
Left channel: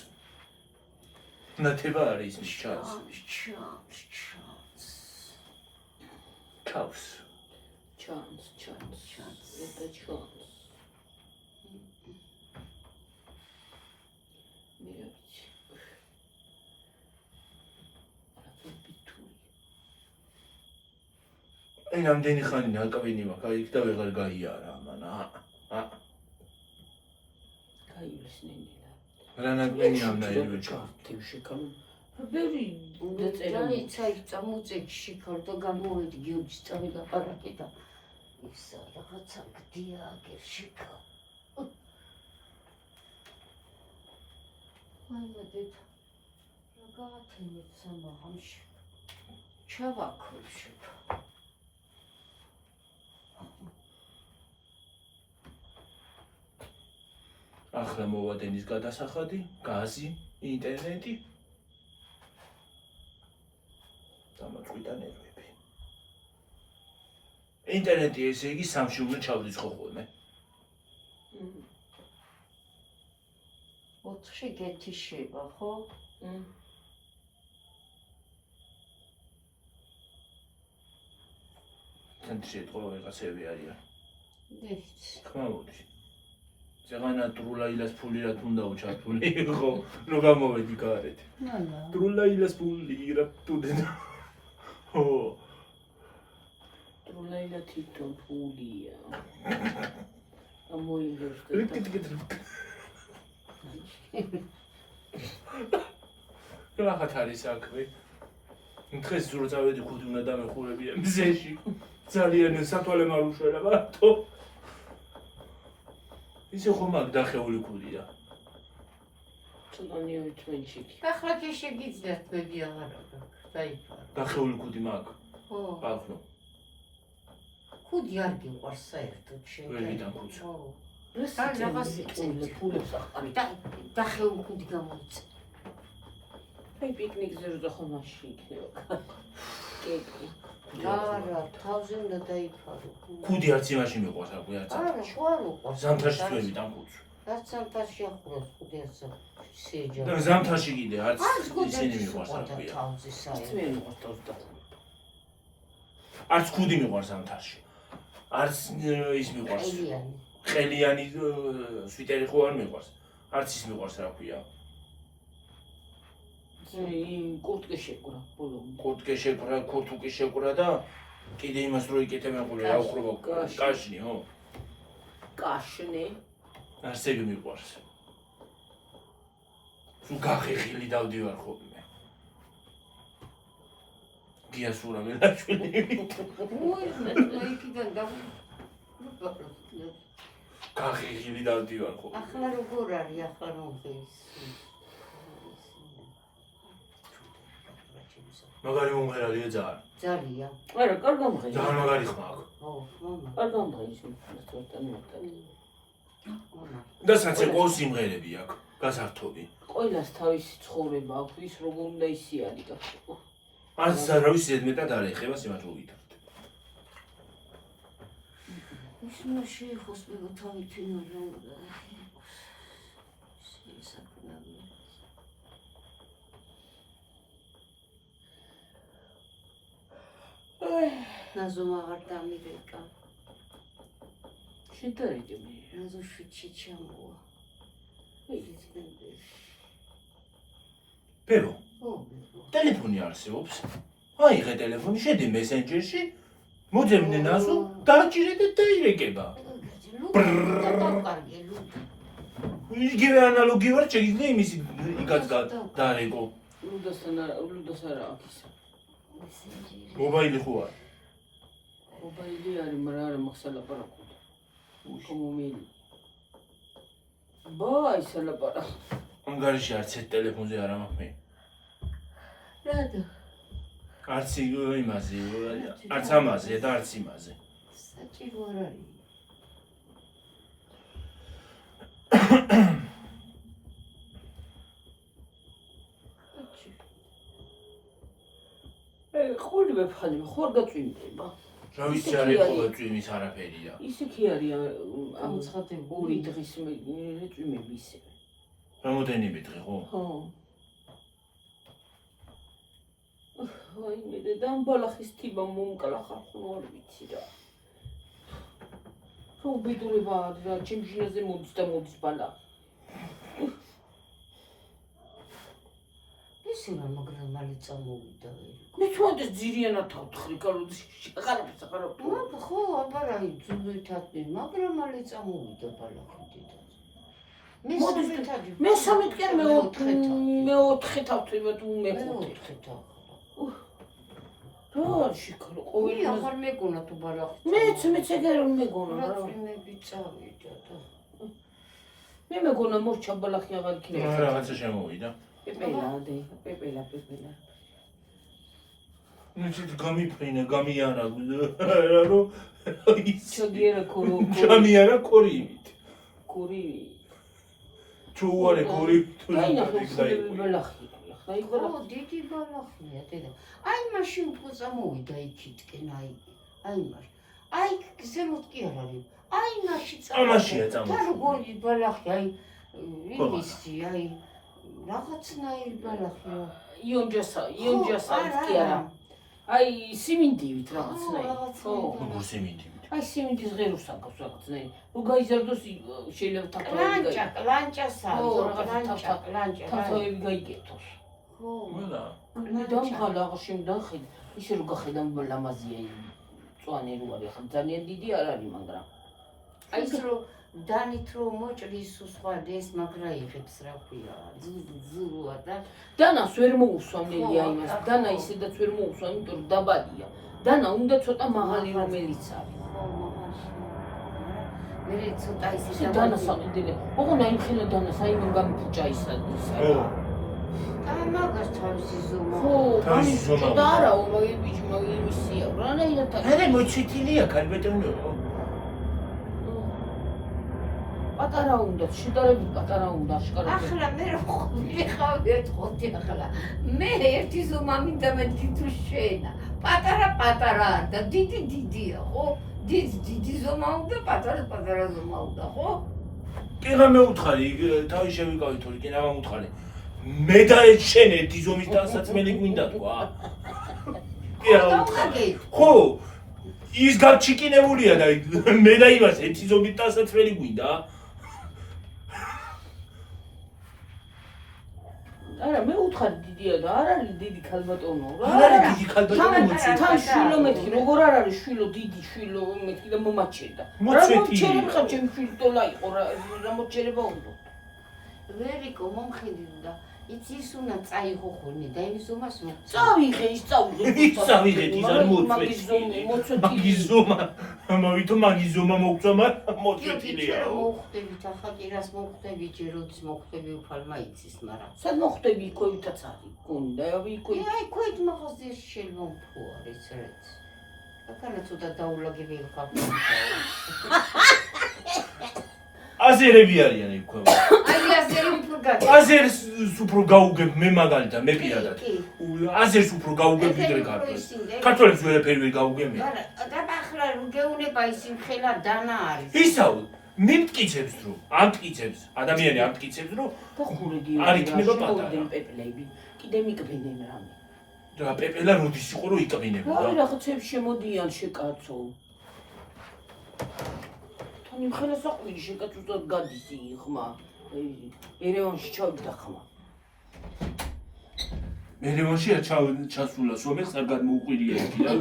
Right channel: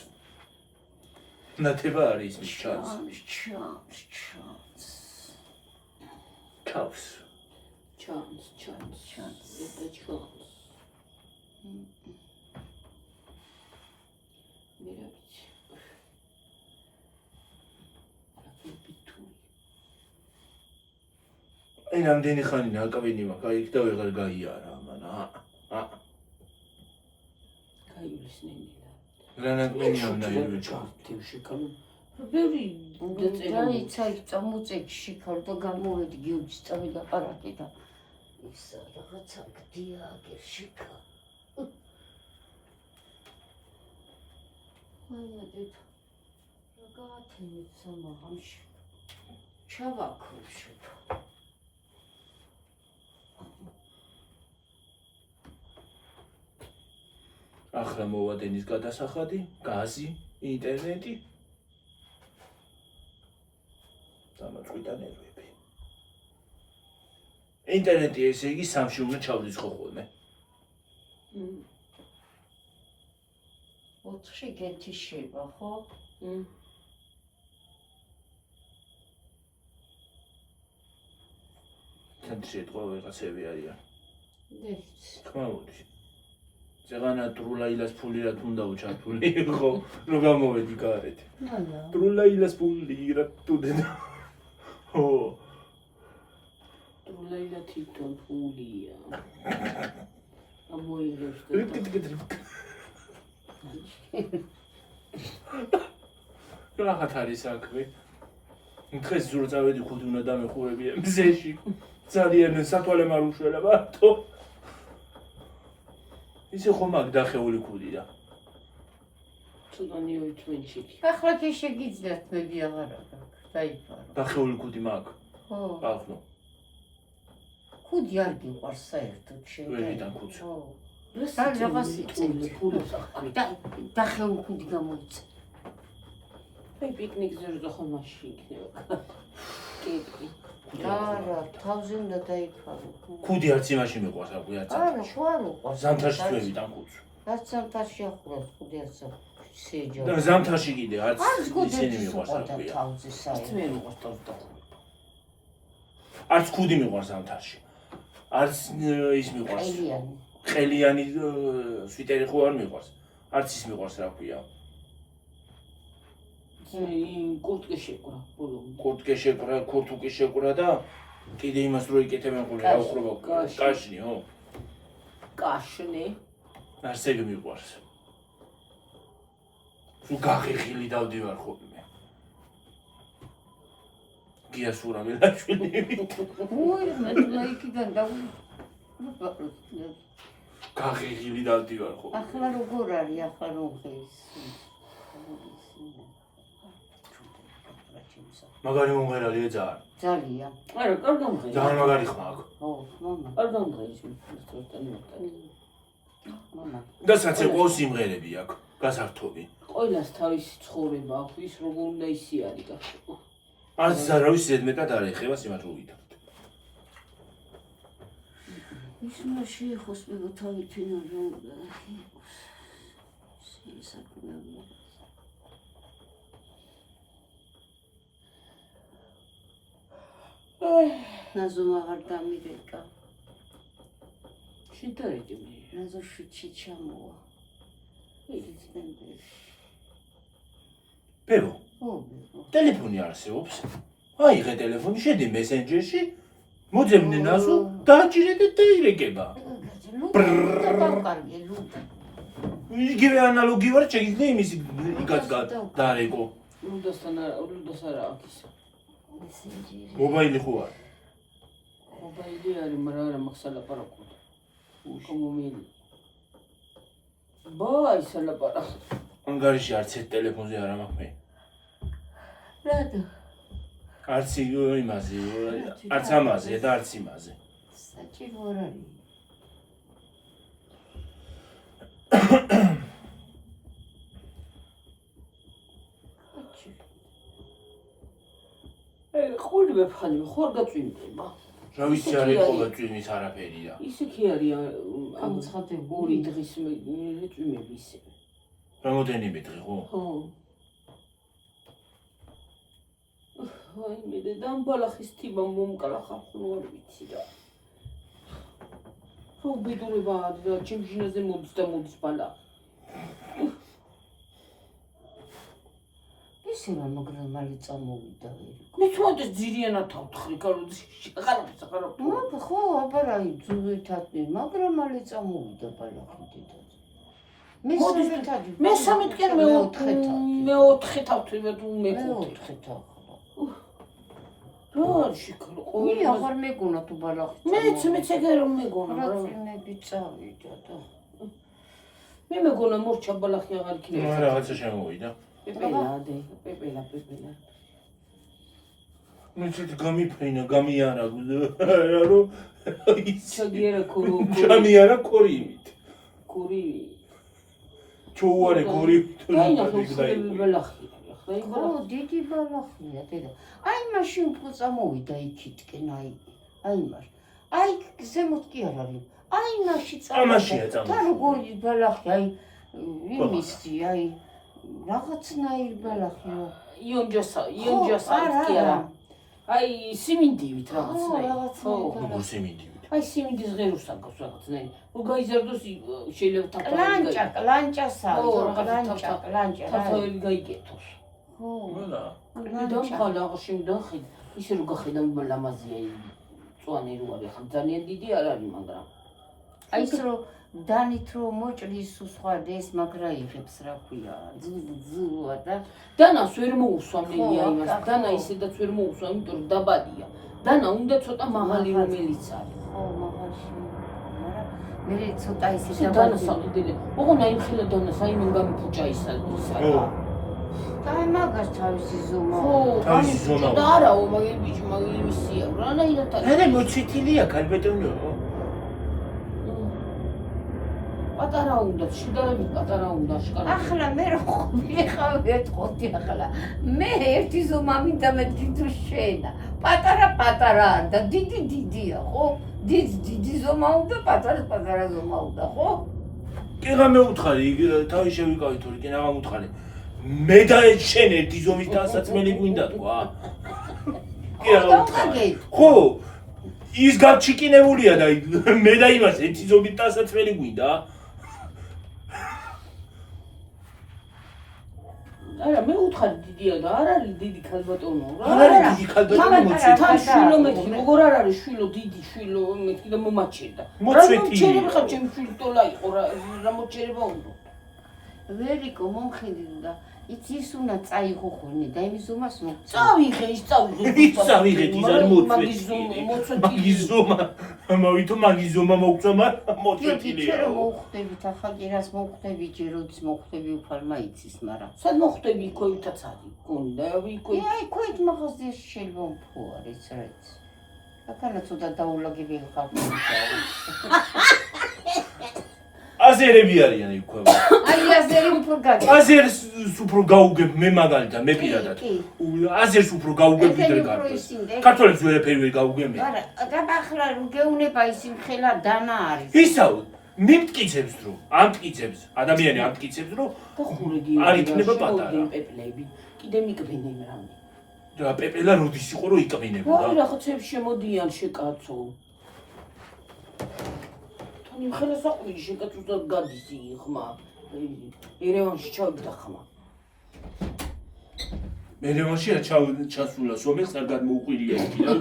ნათება არის ისმის ჩანს. ჩავს. ჩანს. ეს ჩანს. მე რა ვიცი. აი რამდენი ხანი ნაკავენი მაქვს, აი იქ და ვეღარ გაიარა, მანა. გაივლის ნენილა. რა ნაკავენი ამნაირი ვეჭა. შეკავ. ბევრი დაიცა იქ წამოწექი შიქარდო გამოვედი გიორგის წავიდა პარაკი და ისა რაღაცა გდია აგერ შიქა. აი დეთ. რაღაცა სამაღამში. ჩავაქრე შიქა. ახლა მოვა დენის გადასახადი, გაზი, ინტერნეტი. დამაწყვიტა ნერვები. ინტერნეტი ესე იგი 3-ში უნდა ჩავდიწყო ხოლმე. 4-ში გეთიშება, ხო? ცენტრში ეთყო ვიღაცები არიან. ვიცი. თქმა მოდი. ზეღანა ტრულაილას ფული რა თუნდა უჩართული იყო, რო გამოვედი გარეთ. ტრულაილას ფული რა თუნდა. ო ტრულაილა თვითონ ფულია. ამოიღებს. რა ხათარი საქმე? დღეს ზურწავედი ხუთი უნდა დამეხურებია მზეში. ძალიან სათვალე მარუშველა მარტო. ისე ხომ აქ დახეული კუდი და. წუნანიო თმენჩიკი. ახლა კი შეგიძლიათ მედი აღარ აქვს. დაიფარო. დახეული კუდი მაგ. ხო. ახლა. კუდი არ გიყვარს საერთოდ შენ. ვერ ვიდან კუდს. ხო. რაღაც იწვევს ფულებს ახალი. დახეული კუდი გამოიწე. აი პიკნიკზე რო ხომ მაშინ იქნება. კეკი. არა, თავზე უნდა დაიფარო. კუდი არც იმაში მიყვარს აკვი არც. არა, ხო არ უყვარს. ზამთარში ვერ ვიდან კუდს. რაც ზამთარში ახურავს კუდი არც შეჯო. და ზამთარში კიდე არც კუდი ისინი მიყვარს და აკვია. თავზე საერთოდ. მე მიყვარს თავზე დახურება. არც კუდი მიყვარს ზამთარში. არც ის მიყვარს. ყელიანი. ყელიანი სვიტერი ხო არ მიყვარს. არც ის მიყვარს რა ქვია. კურტკე შეკვრა ბოლო. კურტკე შეკვრა, კურტუკი შეკვრა და კიდე იმას რო იკეთებენ ხოლმე რა უხრობა კაშნი, ხო? კაშნი. არსები მიყვარს. თუ გაღიღილი დავდივარ ხოლმე. გიასურა მელაშვილი. უი, მე იქიდან გაღიღილი დავდივარ ხოლმე. ახლა როგორ არის, ახლა როგორ მაგარი მომღერალია ძალიან. ძალიან. არა, კარგამღია. ძალიან მაგარი ხმა აქვს. ხო, მამა. კარგამღია ის ფოტოთანი. მამა. და საცე ყოლ სიმღერები აქვს, გასართობი. ყველას თავისი ცხოვრება აქვს, ის როგორ უნდა ისიარი გახო. არც არავის ზედმეტად არ ეხება სიმართლე ვიტართ. ის უნდა შეეხოს მე თავი ფინალზე. შესაძლოა. აი, ნაზომ აღარ დამირეკა. შედარიდი მე. ნაზო შიჩი ჩამოვა. იქიდან პერო, ხო. ტელეფონი არსებობს. აიღე ტელეფონი, შედი მესენჯერში, მოძებნე ნაზო, დააჭირე და დაირეკება. იგივე ანალოგი ვარ, შეიძლება იმის იგაც დაარეკო. ლუდასთან არა აქვს. მობაილი ხო არ? მობაილი არის, მაგრამ არა მაქვს სალაპარაკო. კომომილი. ბაი სალაპარაკო. ანგარიში არც ერთ ტელეფონზე არ მაქვს მე. რადა? არც იმაზე, არც ამაზე და არც იმაზე. საჭირო არ არის. ხული ვეფხალი, ხوار გაწვიმდება. რა ვიცი არის ხოლმე წვიმის არაფერია. ისე კი არის ამცხადებული. ორი დღის წვიმები ისე. რამოდენიმე დღე ხო? ხო. აი მე დამბალახის თიმა მომკალახა ხო არ ვიცი რა. ხო ბედურება და ჩემშინაზე მოდის და მოდის ბალა. ისე რა მაგრამ მალე წამოვიდა ვერ. მე თუნდაც ძირიანად თავთხრი კაროდის შეყარებს ახარავ. მაგ ხო აბარაი ძუვითათი მაგრამ მალე წამოვიდა ბალახიდიდან. მე სამეთკენ მე 4 თავთვიმა თუ მე 4 თავ. რა შეკარო ყოველ აღარ მეგონა თუ ბალახი. მეც ეგარ მეგონა რა. ფილმები წავიდა და მე მეგონა მორჩა ბალახი აღარ იქნება. რაღაცა შემოვიდა. პეპელადე, პეპელა. ნუ ცოტა გამიფრინა, გამიარა რა რო ჩაგიერა კორო. გამიარა კორიმით. კორი. ჩოუარე კორი. აი ნახე ბალახი. აი ხო დიდი ბალახია დედა. აი მაშინ უფრო წამოვიდა იქითკენ აი მას. აი ზემოთ კი არ არის. აი მაშინ ამაშია წამოვიდა. და როგორი ბალახი აი იმისი აი რაღაცნაირი ბალახია. იონჯასა კი არა. აი სიმინდივით რაღაცნაირი. ხო. როგორ სიმინდივით? აი სიმინდის ღეროს აკავს რაღაცნაირი. რო გაიზარდოს შეიძლება ტაკლანჭა, ლანჭასა, ლანჭა. თავები გაიგეთოს. ხო. ვალა. დამყალა აღში მდახი. ისე რო გახედავ ლამაზია წვანი რო არის ახლა ძალიან დიდი არ არის მაგრამ აი ეს რომ დანით რომ მოჭრის სხვა ეს მაგრა იღებს რა ქვია ძუა და დანას ვერ მოусვამნელია იმას დანა ისედაც ვერ მოусვა იმიტომ რომ დაბალია დანა უნდა ცოტა მაღალი რომელიც არის ხო მაგაში მე ცოტა ისე დანა საყიდელი ოღონ აი ხელა დანას აი მან გამიფუჭა ისა და მაგას თავისი ზომა თავისი ზომა და არაო მაგ ბიჭი მაგ იმისია რანაირად არა მოწითილია ქალბატონო პატარა უნდა შედარებით პატარა უნდა აშკარად ახლა მე რო მიხავი ეთყოდი ახლა მე ერთი ზომა მინდა მეთქი თუ შენა პატარა და დიდია ხო დიდი ზომა უნდა პატარა ზომა უნდა ხო კი რა მეუთხარი თავი შევიკავი თორე კი რა მეუთხარი მე და შენ ერთი ზომის დასაცმელი გვინდა თქვა კი რა მეუთხარი ხო ის გაჩიკინებულია და მე და იმას ერთი ზომის დასაცმელი გვინდა არა მე უთხარი დიდია და არ არის დიდი ქალბატონო რა არ არის დიდი ქალბატონო თან შვილო მეთქი როგორ არ არის შვილო დიდი შვილო მეთქი და მომაჩერდა მოწვეთილია ხარ ჩემი შვილო ტოლა იყო რა მოჩერება უნდა ვერიკო მომხედი და იცი ის უნდა წაიღო ხოლმე და იმის ზომას წავიღე ის წავიღე ის არ მოწვეთილი მაგის ზომა მოვითო მაგის ზომა მოგწვა მაგრამ მოწვეთილია რა მოხდებით ახლა კი რას მოხდები ჯეროც მოხდები უფალ მაიცის მაგრამ სად მოხდები იქოვითაც არის გონდა იქოით აი ქოით მაღაზიაში შეიძლება უფრო არის რაც ახლა ცოტა დაულაგები ხარ აზერები არიან იქ ქვემო აი აზერი უფრო გაგი აზერს უფრო გაუგებ მე მაგალითად მე პირადად აზერს უფრო გაუგებ ვიდრე ქართველს ქართველებს ვერაფერი ვერ გაუგებ მე არა და ახლა გეუნება ისინი ხელა დანა არის ისაუ მიმტკიცებს რომ ამტკიცებს ადამიანი ამტკიცებს რომ არ იქნება პატარა პეპლები კიდე მიკბინენ რამე და პეპელა როდის იყო რომ იკბინებოდა რა რაღაცებს შემოდიან შეკაცო იმ ხელას აყვილი შეკაცუდად გადის იხმა ერევანში ჩავიდა ხმა ერევანში ჩასულა სომეხს არ გადმოუყვირია ერთი რა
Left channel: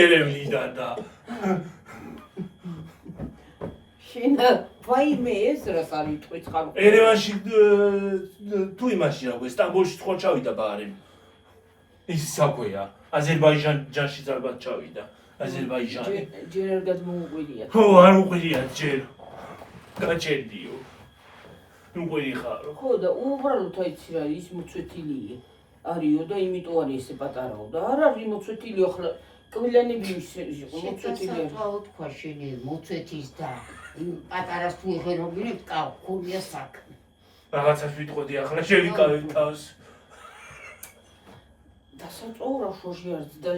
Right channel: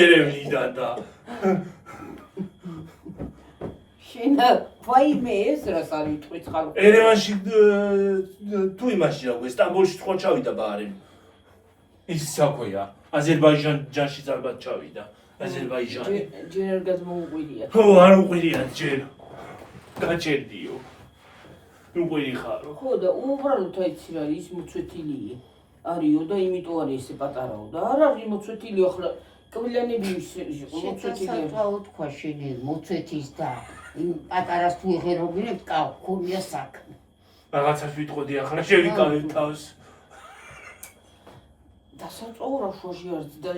ერევნიდან და შენა ვაიმე ეს რას არის თქვით ხალხო ერევანში თუ იმაში რა ქვია სტამბოლში თქვა ჩავიდა ბარემ ის საქვეა აზერბაიჯანში ალბათ ჩავიდა აზერბაიჯანი ჯერ არ გადმოუყვირია ხო არ უყვირია ჯერ გაჩერდიო უყვირი ხარო ხო და უბრალოდ აიცი რა ის მოწვეთილი არისო და იმიტომ არის ესე პატარაო და არ არის მოწვეთილი ახლა კბილანები იყო მოწვეთილი რა უთქვა შენი მოწვეთის და იმ პატარას თუ იღერობინებ და ქონია საქმე რაღაცას ვიტყოდი ახლა შევიკავე თავს დასაწოვრა შოში არის და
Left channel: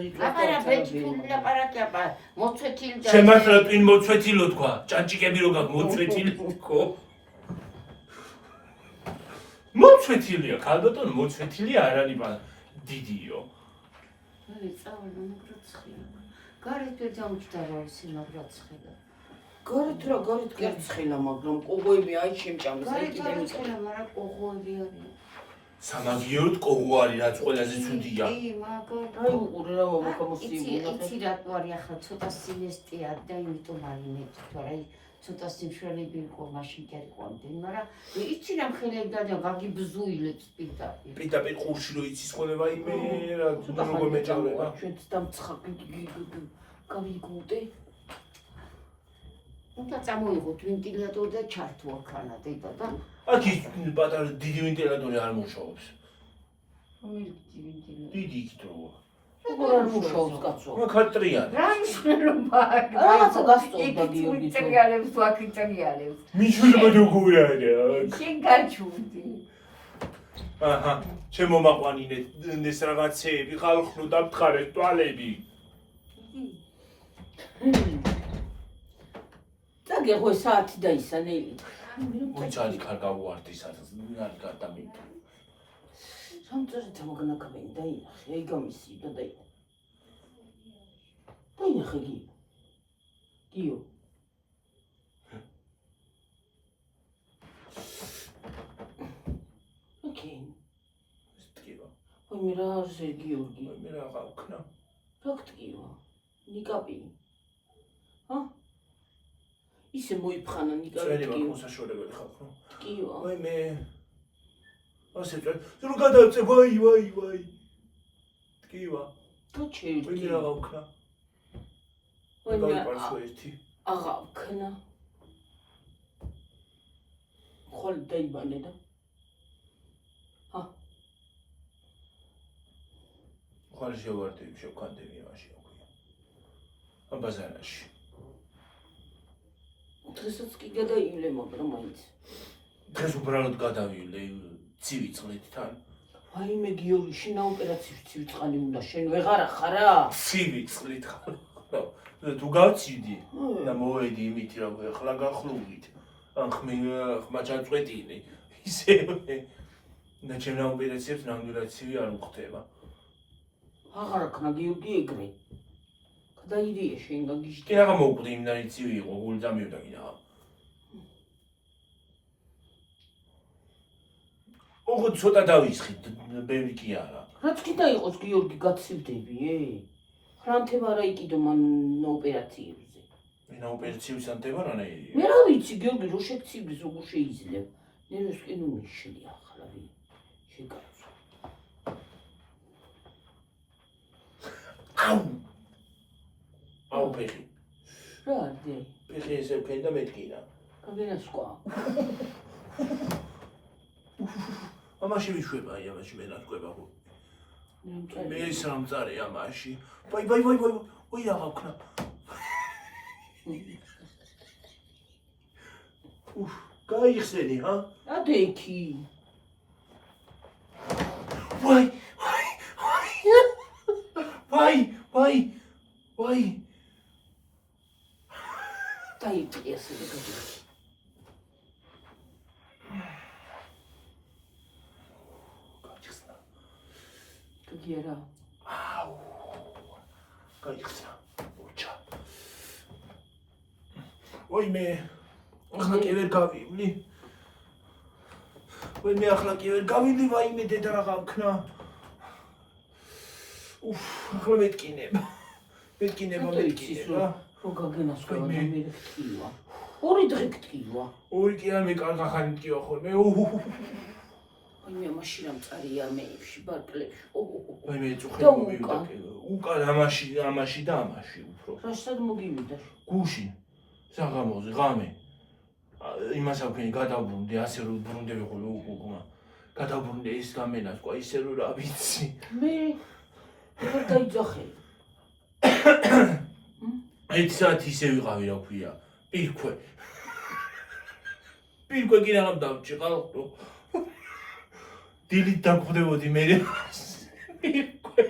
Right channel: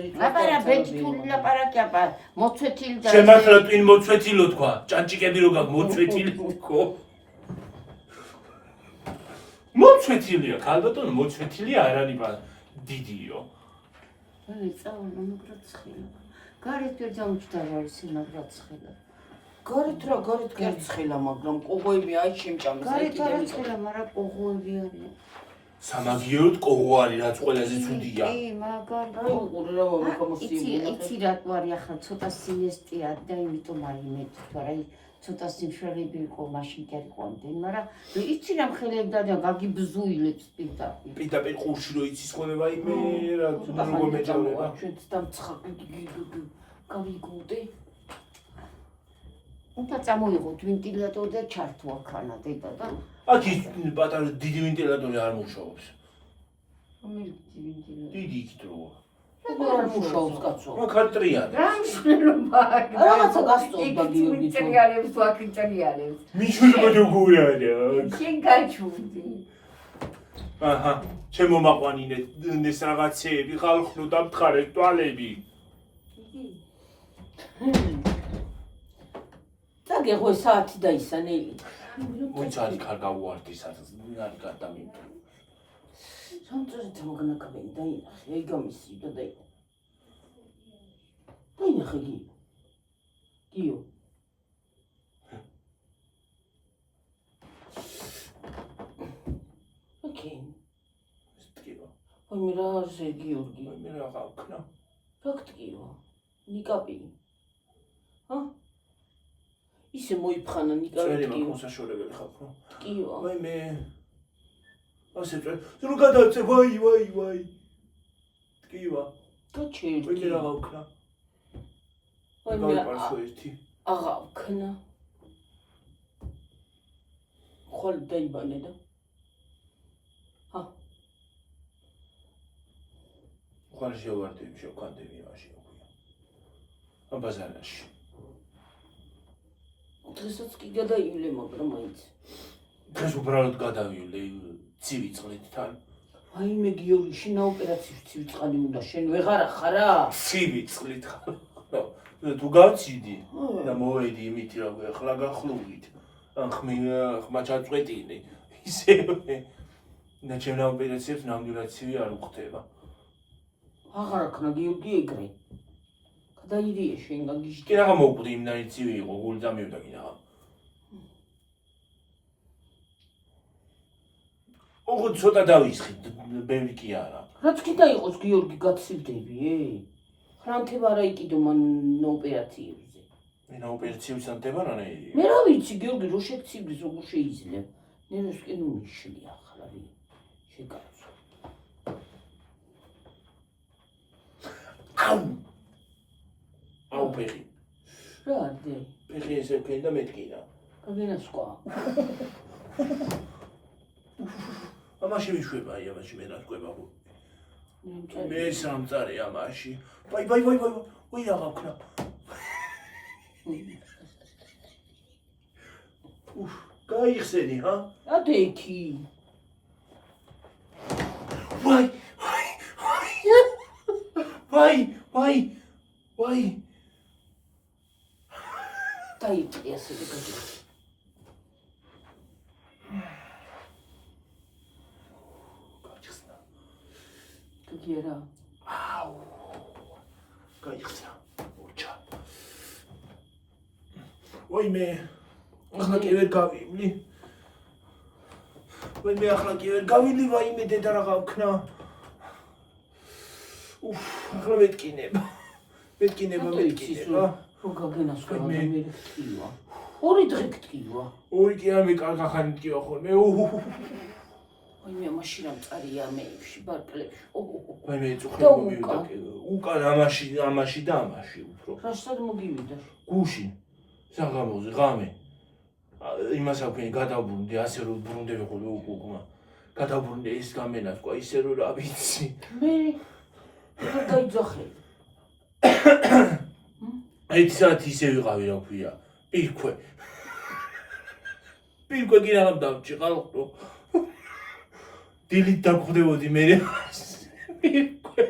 ლაპარაკია მოწვეთილი და შემართლა ტვინ მოწვეთილო თქვა ჭანჭიკები რო გაქვს მოწვეთილი ხო მოწვეთილია ქალბატონო მოწვეთილი არ არის დიდიო წავლა მაგრაცხელა გარეთ ვერ დამჭდა რა ისე მაგრაცხელა გარეთ რა გარეთ კერცხელა მაგრამ ყოღოები აი შემჭამს აი კიდე მიწელა მაგრამ ყოღოები არის სამაგიეროდ ყოღო არის რაც ყველაზე ცუდია კი მაგარ აი უყურე რა მომხმოსტიუნა იცი რატო არის ახლა ცოტა სინესტია და იმიტომ არის მეტი თორე ცოტა სიმშრალები იყო მაშინ კი არ იყო ამდენ მაგრამ იცი რა მხედებდა და გაგიბზუილებს პირდაპირ ყურში რო იცის ხოლმე ვაიმე რა თუნდა როგორ მეჭავება ჩვენც დამცხაკი გავიგოდე უნდა წამოიღოთ ვენტილატორი და ჩართო აქანა დედა და აქ ის პატარა დიდი ვენტილატორი არ მუშაობს დიდი იქით რო როგორ არ მუშაობს კაცო მაგ არტრიანი რა მნიშვნელობა აქვს რაღაცა გასწორდა გიორგი ტრიალებს ვაკიტრიალებს მიშულმა როგორ არის შენ გაჩუდი აჰა ჩემო მაყვანინე ეს რაღაცეები ხალხო დამთხარეთ თვალები დაგეღვე საათი დაისანელი მოიცალი ხარ გავუარდი სადაც არ გადამიწვა სამწუხაროდ მოგნაკავენ დაინახე აი გამისი და დაინახე გიო ოკეი სტკივა აი რა ზე გიორგი მე რა გავქნა რა გტკივა ნიკაპი ჰა ისე მოიფხანა წერი ნიკა. მაქვს საშუალებელი ხალხო. კიო. ვაი მე ასე რო გადავწე ვაი. კივა. გაჩერდი. ვინმე რა გავქნა? ვაი მე გავყარსო ერთი. აღა ვქნა. ხოლ დაიბალე და. ხარ შევარდები შევქანდები მაშინ აქვია. აბაზანაში. დღესაც კი გადაივლე, მაგრამ მაინც. დღეს უბრალოდ გადავივლე ცივი წყლით თან. აი მე გიორგი შენ ოპერაციის ცივი წყალი უნდა შენ ვეღარ ხარა? ცივი წყლით ხარ. თუ გავციდი და მოვედი იმით რომ ახლა გახლუვით. ან ხმა ჩაწყვეტილი. ისევე. და ჩემ ოპერაციებს ნამდვილად ცივი არ მხვდება. აღარ ქნა გიორგი ეგრე. გადაივიე შენ გაგიჟდი. კი რაღა მოვკვდი იმდანი ცივი იყო, გული დამივდა კი რაღა. ოღონდ ცოტა დავისხით, ბევრი კი არა. რაც კიდე იყოს გიორგი გაცივდები, ფრანთება რა იყიდო მან ოპერაციებზე. ვინა ოპერაციებს ანდება რანაირია. მე რა ვიცი გიორგი რო შეგცივდეს როგორ შეიძლება. ნერვსკენ უმიშლი ახლა ვი. შეგარწო. აუ ფეხი. რა არდი? ფეხი ესე ვქენ და მეთკინა. გაგენასკვა. ამაში ვიშვება, ამაში მე რა თქვება ხო? მე სამწარი ამაში. ვაი. ვაი რა გავქნა. გაიხსენი, ჰა? ადექი. ვაი. დაიწყე ასე და გაჯერე. გაიხსნა. გიგერა. აუ. გაიხსნა. ოჩა. ვაი მე. ახლა კი ვერ გავივლი. ვაი მე დედა რა გავქნა. ახლა მეთკინება. რო გაგენასკვა და მე გტკივა. ორი დღე გტკივა. ორი კი არ მე კარგა ხანი მტკივა ხოლმე. აი მე მაშინ ამ წარია მეებში ბარკლებში. ვაი მე წუხელი მომივიდა. უკან ამაში და ამაში უფრო. რაშად მოგივიდა? გუშინ. საღამოზე ღამე. იმას აქვენი გადავბრუნდი, ასე რომ ბრუნდები ხოლმე უკუღმა. გადავბრუნდი ის გამენასკვა, ისე რომ რა ვიცი. მე დაიძახელი. ერთი საათი ისე ვიყავი რა ქვია. პირქვე კი რაღაც დავჭი ხალხო. დილით დამხვდებოდი მე. პირქვე.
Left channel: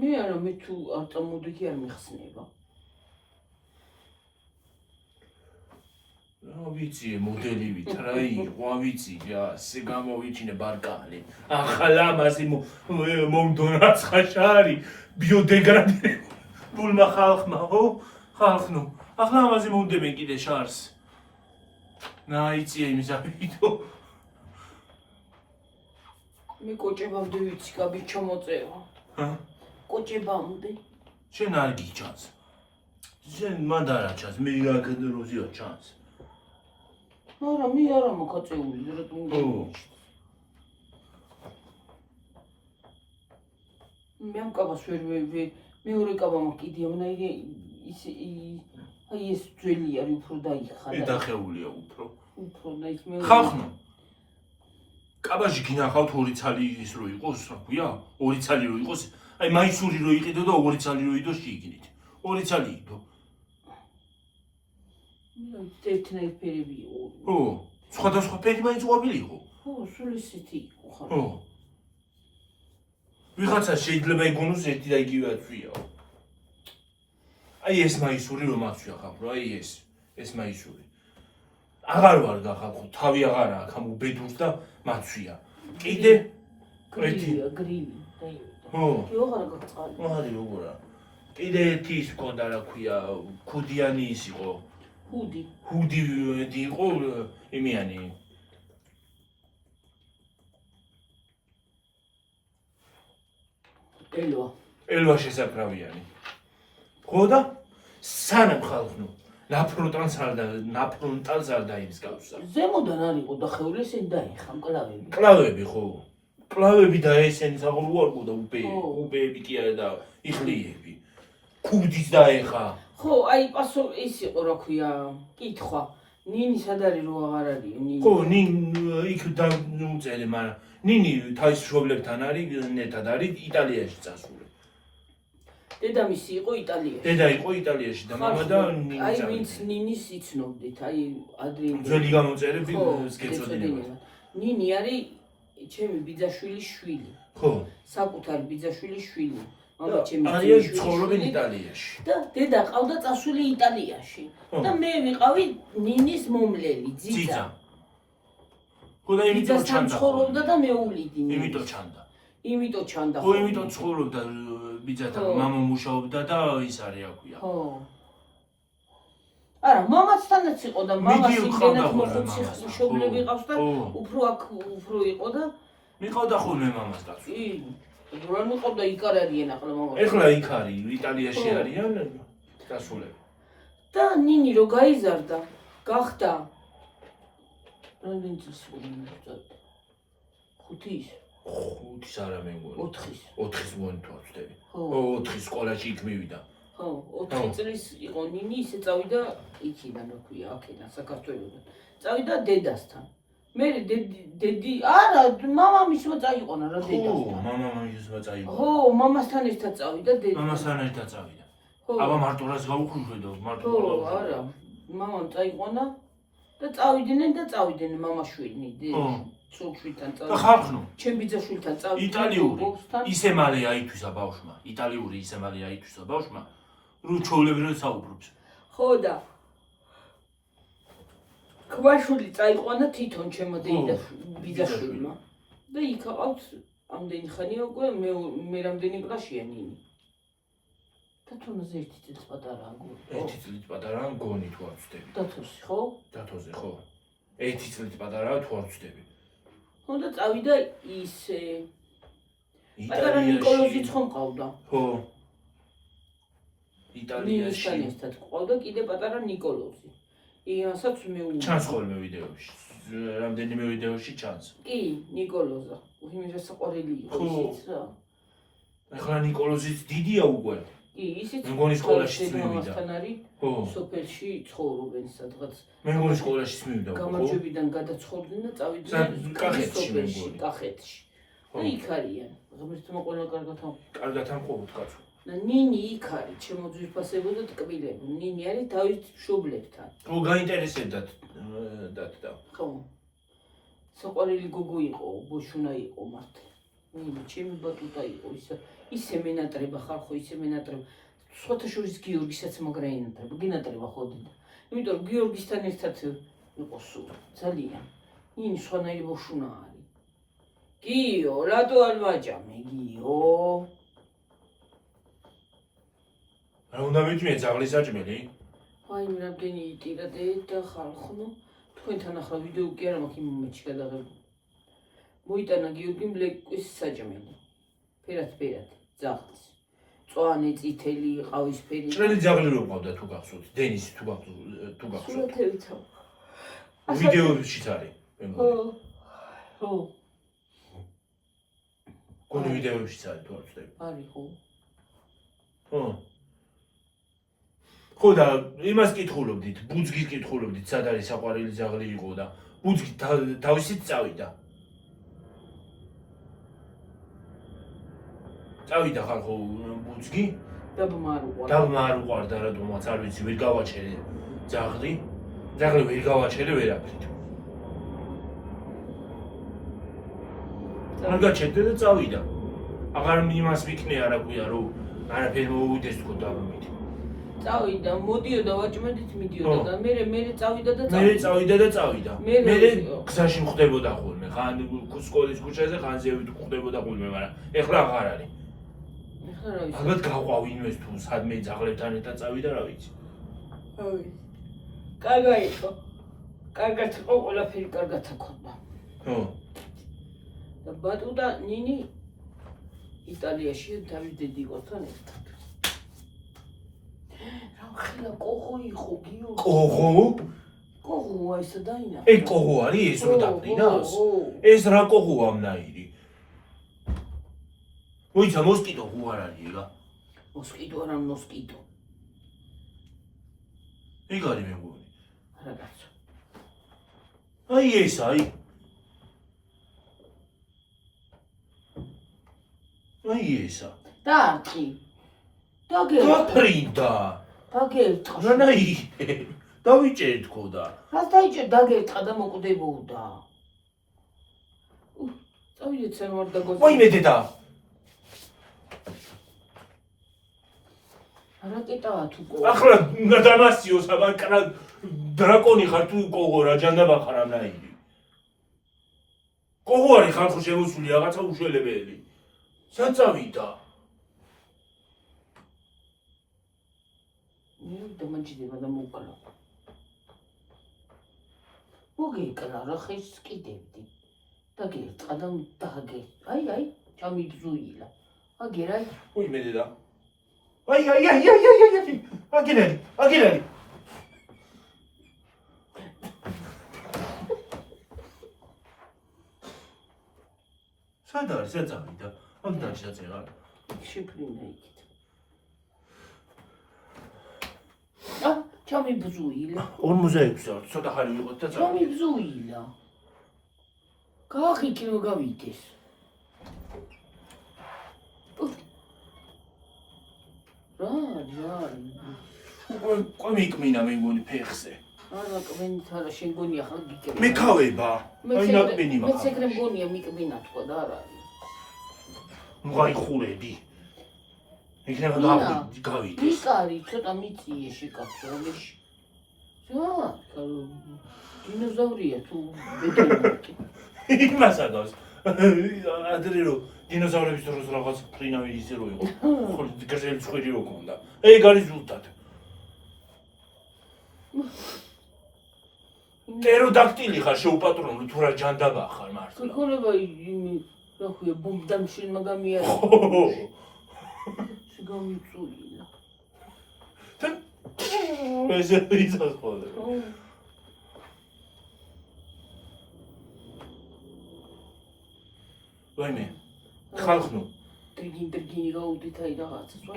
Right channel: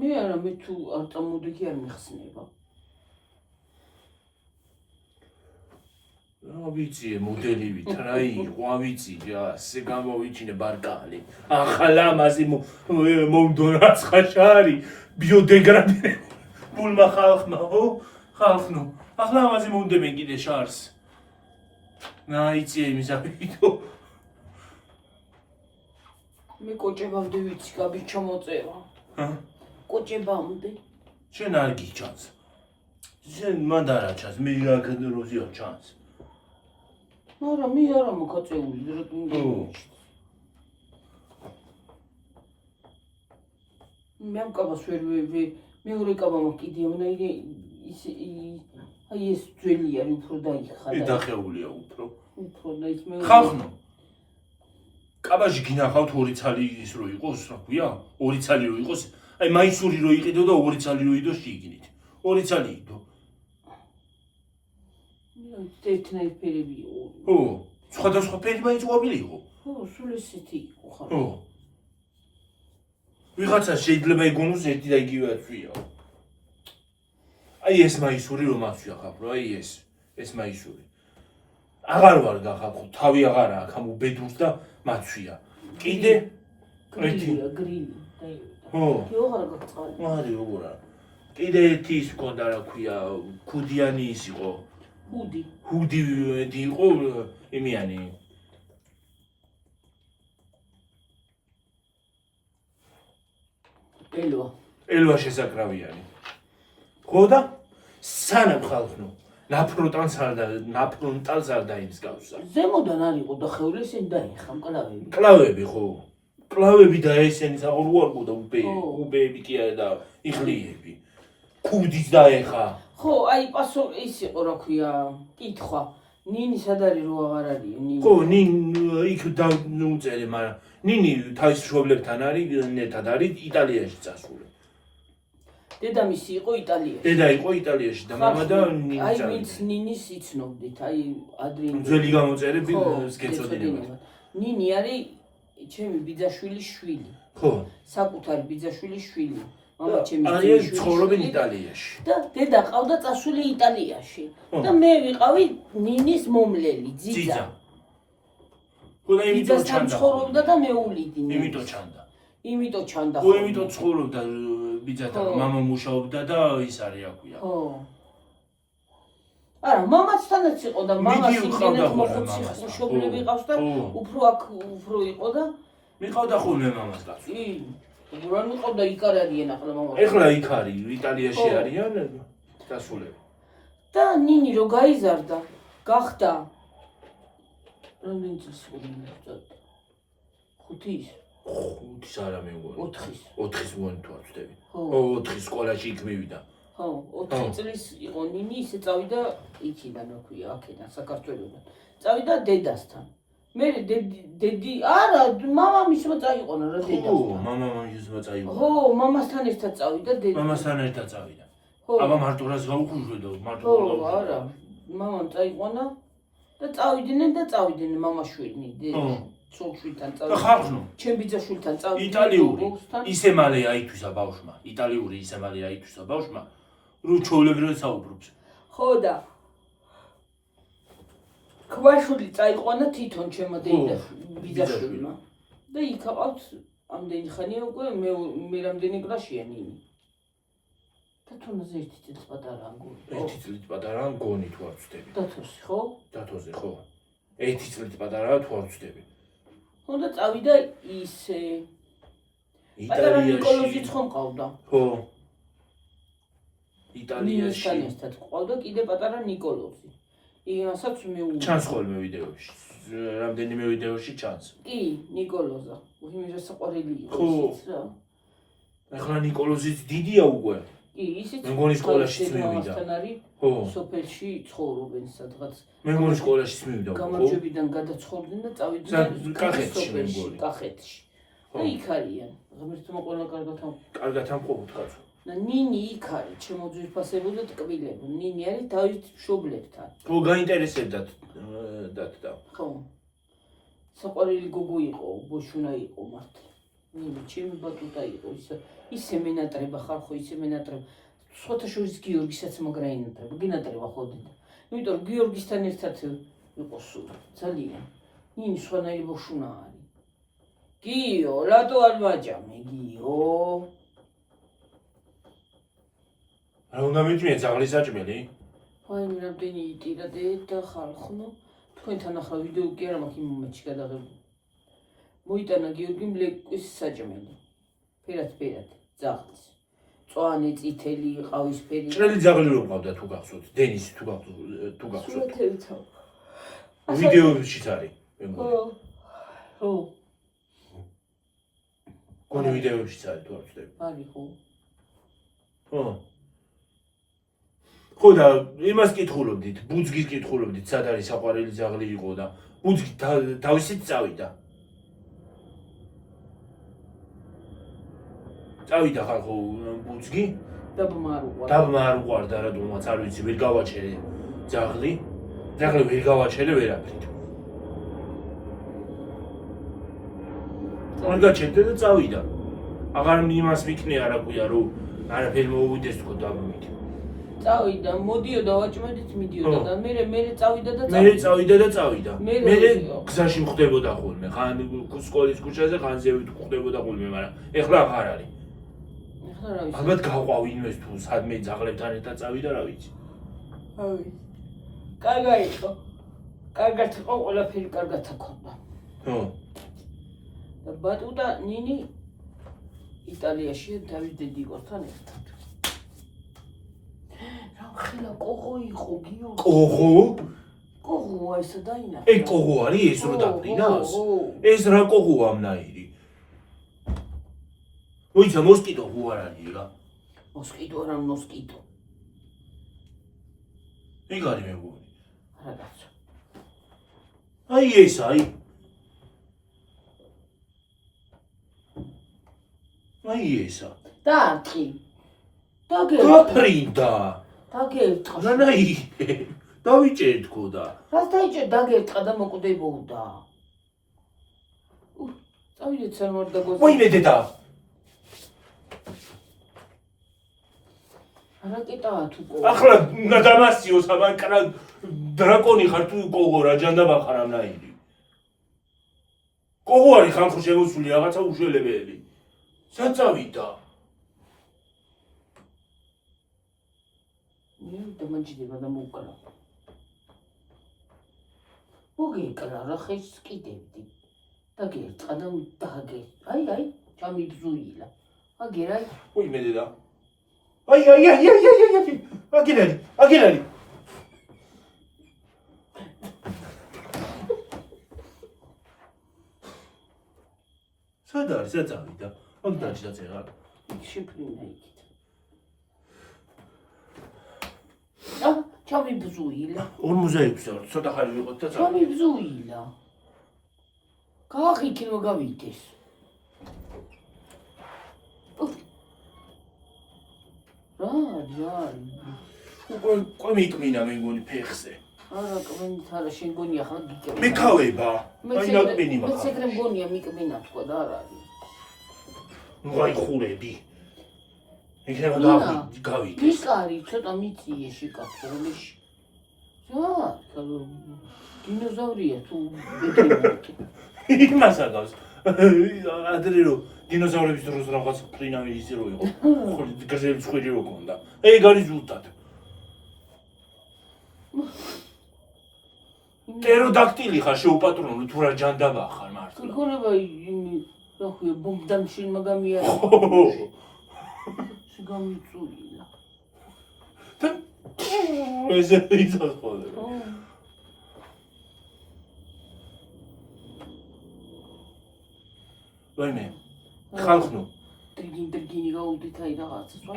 მე არა მე თუ არ წამოდექი არ მიხსნება. რა ვიცი მოდელივით რა იყო, ვიცი ასე გამოვიჩინე ბარკალი. ახალ ამაზე მომდონაც ხაშარი ბიოდეგრადირებულმა ხალხმა, ხო? ხალხნო. ახლა ამაზე მომდებენ კიდე შარს. ნაიცი იმისავიდო. მე კოჭებამდე ვიცი კაბი ჩამოწერა. კოჭებამდე. შენ არ გიჩანს. შენ მანდ არ ჩანს, მე რა როზიო ჩანს. არა, მე არა მოკაწეული, რატომ უნდა მივიჩნდეს. მე ამ კაბას ვერ მეორე კაბა მაქვს კიდე ამნაირი აი ეს ძველი არის უფრო დაიხარა. დახეულია უფრო. უფრო და ის მე ხალხნო. კაბაში გინახავთ ორი ცალი ის რო იყოს, რა ქვია? ორი ცალი რო იყოს, აი მაისური რო იყიდო და ორი ცალი რო იდო შიგნით. ორი ცალი იდო. ერთნაირი ფერები იყო. ო, სხვადასხვა ფერი მაინც ყვავილი იყო. ო, სულ ისეთი იყო ხარ. ო. ვიღაცა შეიძლება იგონოს ერთი და იგივე აწვია. აი ეს მაისური რომ აწვია ხალხო, აი ეს მაისური. აღარ ვარ გახალხო, თავი აღარა აქვს ამ უბედურს და მაწვია. კიდე გრილია, გრილი, დაივიდა. ო. კი აღარა გაგწყალი. მარი როგორა. კიდე ერთი ის მქონდა რა ქვია, ქუდიანი ის იყო. ჰუდი იყო იმიანი. ელვა შესაკრავიანი. ხო და სანამ ხალხნო ნაფრონტალს არ დაიმსგავსა. ზემოდან არ იყო და ხევლესენ დაიხა მკლავები. კლავები ხო? კლავები და ესენი საყურუარყო და უბეები კი არა და იხლიები. ქუდის დაეხა. ხო, აი პასო ის იყო რა ქვია, კითხვა. ნინი სად არის რო აღარ არის ნინი? ხო, იქ დაუწერე, მაგრამ ნინი თავის მშობლებთან არის, ნეტად არის იტალიაში წასული. დედამისი იყო იტალიაში. დედა იყო იტალიაში და მამა და ნინი აი წავიდა. ვინც ნინის იცნობდით, აი ადრინდ. ძველი გამოწერები გეცოდინებათ. ნინი არის ჩემი ბიძაშვილის შვილი. ხო. საკუთარი ბიძაშვილის შვილი. მამა ჩემი არის ცხოვრობენ იტალიაში. და დედა ყავდა წასული იტალიაში. და მე ვიყავი ნინის მომლელი, ძიძა. ხო და იმიტომ ჩანდა. ცხოვრობდა და მეულიდი. იმიტომ ჩანდა. იმიტომ ჩანდა. ხო, იმიტომ ცხოვრობდა ბიძა და მამა მუშაობდა და ის არის აქვია. ხო. არა, მამაცთანაც იყო და მამას იმდენად მოხუცი მშობლები ყავს და უფრო იყო და მიყავდა ხოლმე მამას გასულ. კი, რა მიყავდა იქ არ არიან ახლა მამა. ეხლა იქ არის, იტალიაში არიან გასულები. და ნინი რო გაიზარდა, გახდა რამდენი წლის იყო? 5-ის. 5-ის არა მე მგონი. 4-ის. 4-ის მგონი თუ არ ვწდები. ხო. 4-ის სკოლაში იქ მივიდა. ხო, 4 წლის იყო ნინი, ისე წავიდა იქიდან, რა ქვია, აქედან, საქართველოსთან. წავიდა დედასთან. მე დედი, არა, მამამისმა წაიყვანა რა დედასთან. ხო, მამამისმა წაიყვანა. ხო, მამასთან ერთად წავიდა დედა. მამასთან ერთად წავიდა. ხო. აბა მარტონას გაუხუჟვედო, მარტო. ხო, არა, მამამ წაიყვანა და წავიდნენ მამაშვილი, ცოლ-შვილთან და ხალხნო. ჩემ ბიძაშვილთან წავიდა. იტალიური ისე მალე აითვისა ბავშვმა, იტალიური ისე მალე აითვისა ბავშვმა, რო ჩვეულებრივად საუბრობს. ხო და კვაშვილი წაიყვანა თვითონ ჩემო ბიძაშვილმა. და იქ აყავთ ამდენი ხანია უკვე მე რამდენი კლასშია ნინი. და თუნდაც 1 წელი პატარაა გონი. 1 წელი პატარაა გონი თუ არ ვწდები. დათოსი ხო? დათოზე ხო. 1 წელი პატარაა თუ არ ვწდები. ხო და წავიდა ისე პატარა ნიკოლოზიც ხომ ყავდა? ხო. იტალიაში. ნინისთან ყავდა კიდე პატარა ნიკოლოზი. იასაც მე ჩანს ხოლმე ვიდეოში. რამდენიმე ვიდეოში ჩანს. კი, ნიკოლოზა. იმის საყვარელი იყო ის რა. ახლა ნიკოლოზიც დიდია უკვე. კი, ისიც მე მგონი სკოლაშიც მივიდა. ხო. სოფელში ცხოვრობენ სადღაც. მე მგონი სკოლაშიც მივიდა. გამარჯვებიდან გადაცხოვრდნენ და წავიდნენ კახეთში. კახეთში. და იქ არიან. ღმერთმა ყველა კარგად ამყოფოთ კაცო. და ნინი იქ არის, ჩემო ძვირფასებო და ტკბილებო. ნინი არის დავით მშობლებთან. ხო, გაინტერესებდათ და. ხო. საყვარელი გოგო იყო, ბოშუნა იყო მართლა. ნინი ჩემი ბატუტა იყო, ისე მენატრება ხალხო, ისე მენატრება. სხვათა შორის გიორგისაც მაგრა ინატრება, გინატრება ხოდიდა. იმიტომ რომ გიორგისთან ერთად იყო სულ, ძალიან. ნინი სხვანაირი ბოშუნა არის. გიო, რატო არ ვაჭამე, გიო? რა უნდა მიჭმე ძაღლის საჭმელი? აი მე რამდენი იტირა და ხალხო, თქვენთან ახლა ვიდეო კი არა მაქვს იმ მომენტში გადაღებული. მოიტანა გიორგიმ ლეკვის საჭმელი. ფერად, ძაღლის. წვანი, წითელი, ყავისფერი. ჭრელი ძაღლი რო ყავდა თუ გახსოვთ, დენისი თუ გახსოვთ. სულათებით. ვიდეოშიც არის. ხო. გონი ვიდეოშიც არის თუ არ ვწდები. არის ხო. ხო. ხო და იმას კითხულობდით, ბუძგის კითხულობდით, სად არის საყვარელი ძაღლი იყო და ბუძგი თავისით წავიდა. წავიდა ხალხო ბუძგი. დაბმა არ უყვარდა რატომაც არ ვიცი, ვერ გავაჩერე ძაღლი. ძაღლი ვერ გავაჩერე ვერაფრით. არ გაჩერდა და წავიდა. აღარ იმას მიქნე არა ქვია რომ არაფერი მოვიდეს თქო დავმით. წავიდა, მოდიოდა ვაჭმედით მიდიოდა და მე წავიდა და წავიდა. მე გზაში მხვდებოდა ხოლმე, ხან სკოლის ქუჩაზე, ხან ზევით მხვდებოდა ხოლმე, მაგრამ ეხლა აღარ არის. ეხლა რა ვიცი. ალბათ გავყვავ ინვეს თუ სადმე ძაღლებთან ერთად წავიდა, რა ვიცი. აი. კარგა იყო. კარგად იყო, ყველაფერი კარგად აქონდა. ხო. და ბატუ და ნინი იტალიაში დავით დედიკოსთან ერთად. რა ხელა კოღო იყო გიო. კოღო? კოღო ესა დაინახა. ე კოღო არის ეს რო დაფრინავს? ეს რა კოღოა ამნაირი? მოიცა მოსკიტო ხო არ არის რა? მოსკიტო არა მოსკიტო. ეგ არის მეგონი. არა კაცო. აი ეს აი. აი ესა. დაარტყი. გაფრინდა. დაგერტყა. რანაირე? დავიჭერთქო და. რას დაიჭერ დაგერტყა და მოკვდებოდა. წავიდე ცერმორ და გოზე. მოიმე დედა. რაკეტაა თუ კო. ახლა დამასიოს ამან კრა დრაკონი ხარ თუ კოღო რა ჯანდაბა ხარ ამნაირი. კოღო არის ხარ ხო შემოსული რაღაცა უშველებელი. სად წავიდა? დამაჯდება და მოკლა. მოგეკლა რა ხეს კიდევდი. დაგერტყა და დაგე. აი, ჩამიბზუილა. აგერაი. მოიმე დედა. აი. აგერალი. სად არის? სად წავიდა? ამ დაჭდა წერა. შეფრინა იქით. ჩამიბზუილა. 46 წელს ცოტა ხანი ვიყოთ და წავიდა. ჩამიბზუილა. გაახიქნო გავიდეს. რა. უკვე მიკმინა მეგონი ფეხზე. არა, კმინით არა, შენ გონია ხა გიკრება. მეკავება. აი ნაკმინი მე მაგ. ცეკრემ გონია მიკმინა თქვა და არ არის. აი ხურები. იქნება გავიდეს. მიკარი ცოტა მიწიე შეკაფო რომელში. დინოზავრია თუ ბედრენატი. იმას აგავს. ადრე რო დინოზავრების დროს რაღაც ფრინავი ისე რო იყო. ხოლმე გაზელი ხვირი რო ქონდა. ეგ არის ზუსტად. ტეროდაქტილი ხარ შეუპატრონო თუ რა ჯანდაბა ხარ მართლა. გიგონება იმი რა ქვია ბომბდამშენ მაგამია. შეგამიწუილა. ეს ისას ხოლმე. ვაიმე. ხალხნო. ტრიგინი გაუდით აი რაღაცა.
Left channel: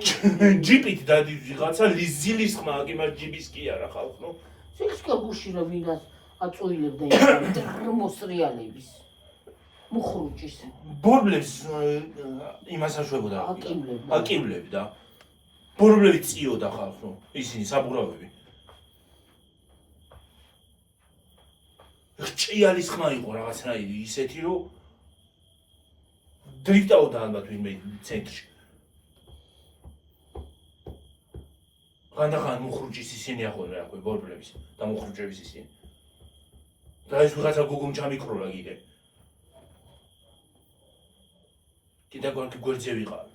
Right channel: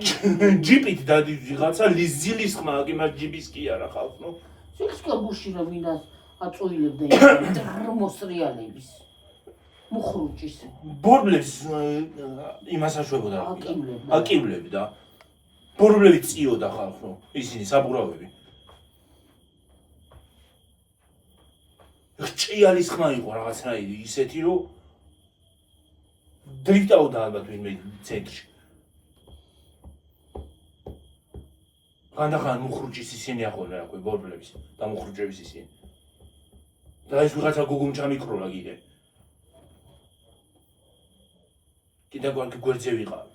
ჯიპით დადი ვიღაცა ლილის ხმა იმას ჯიბის კი არა ხალხნო. სიქსკა გუში რა ვინას აწუილებდა მოსრიალების. მუხრუჭის. ბორბლებს იმას აშვებოდა. აკივლებდა. ბორბლები წიოდა ხალხო. ისინი საბურავები. ჭიალის ხმა იყო რაღაცნაირი ისეთი რომ დრიფტაოდა ალბათ ვინმე ცენტრში. ხანდახან მუხრუჭის ისინი ახლა რა ქვია ბორბლების და მუხრუჭების ისინი. და ეს ვიღაცა გუგუმ ჩამიქროლა კიდე. კიდე გვერდზე ვიყავ.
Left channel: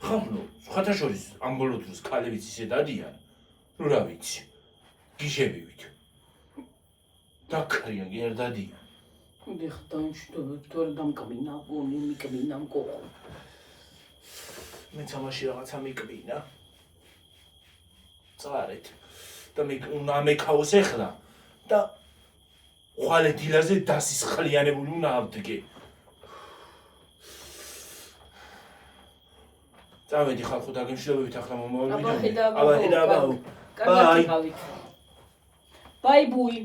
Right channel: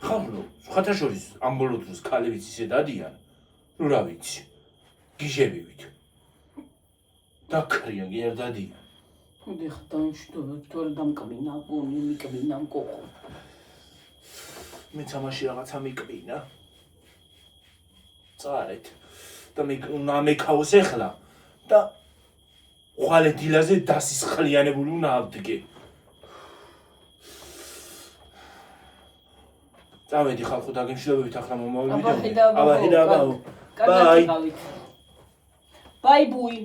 ხალხო, სხვათა შორის ამ ბოლო დროს ქალებიც ისე დადიან, რომ რა ვიცი, გიჟებივით. დაქრიან, გერ დადიან. ეხ დამშვიდობ, თორე დამკმინა, გონი მიკმინა მკოხო. მე თამაში რაღაცა მიკმინა. წარეთ. და მე ამეკაოს ეხლა და ხვალე დილაზე დასისხლიანებული უნდა ავდგე. წავედი ხალხო დაგემშვიდობებით ახლა მომავალი ვიდეო. აბა ხედავ. ბაი. ბაი ბუი.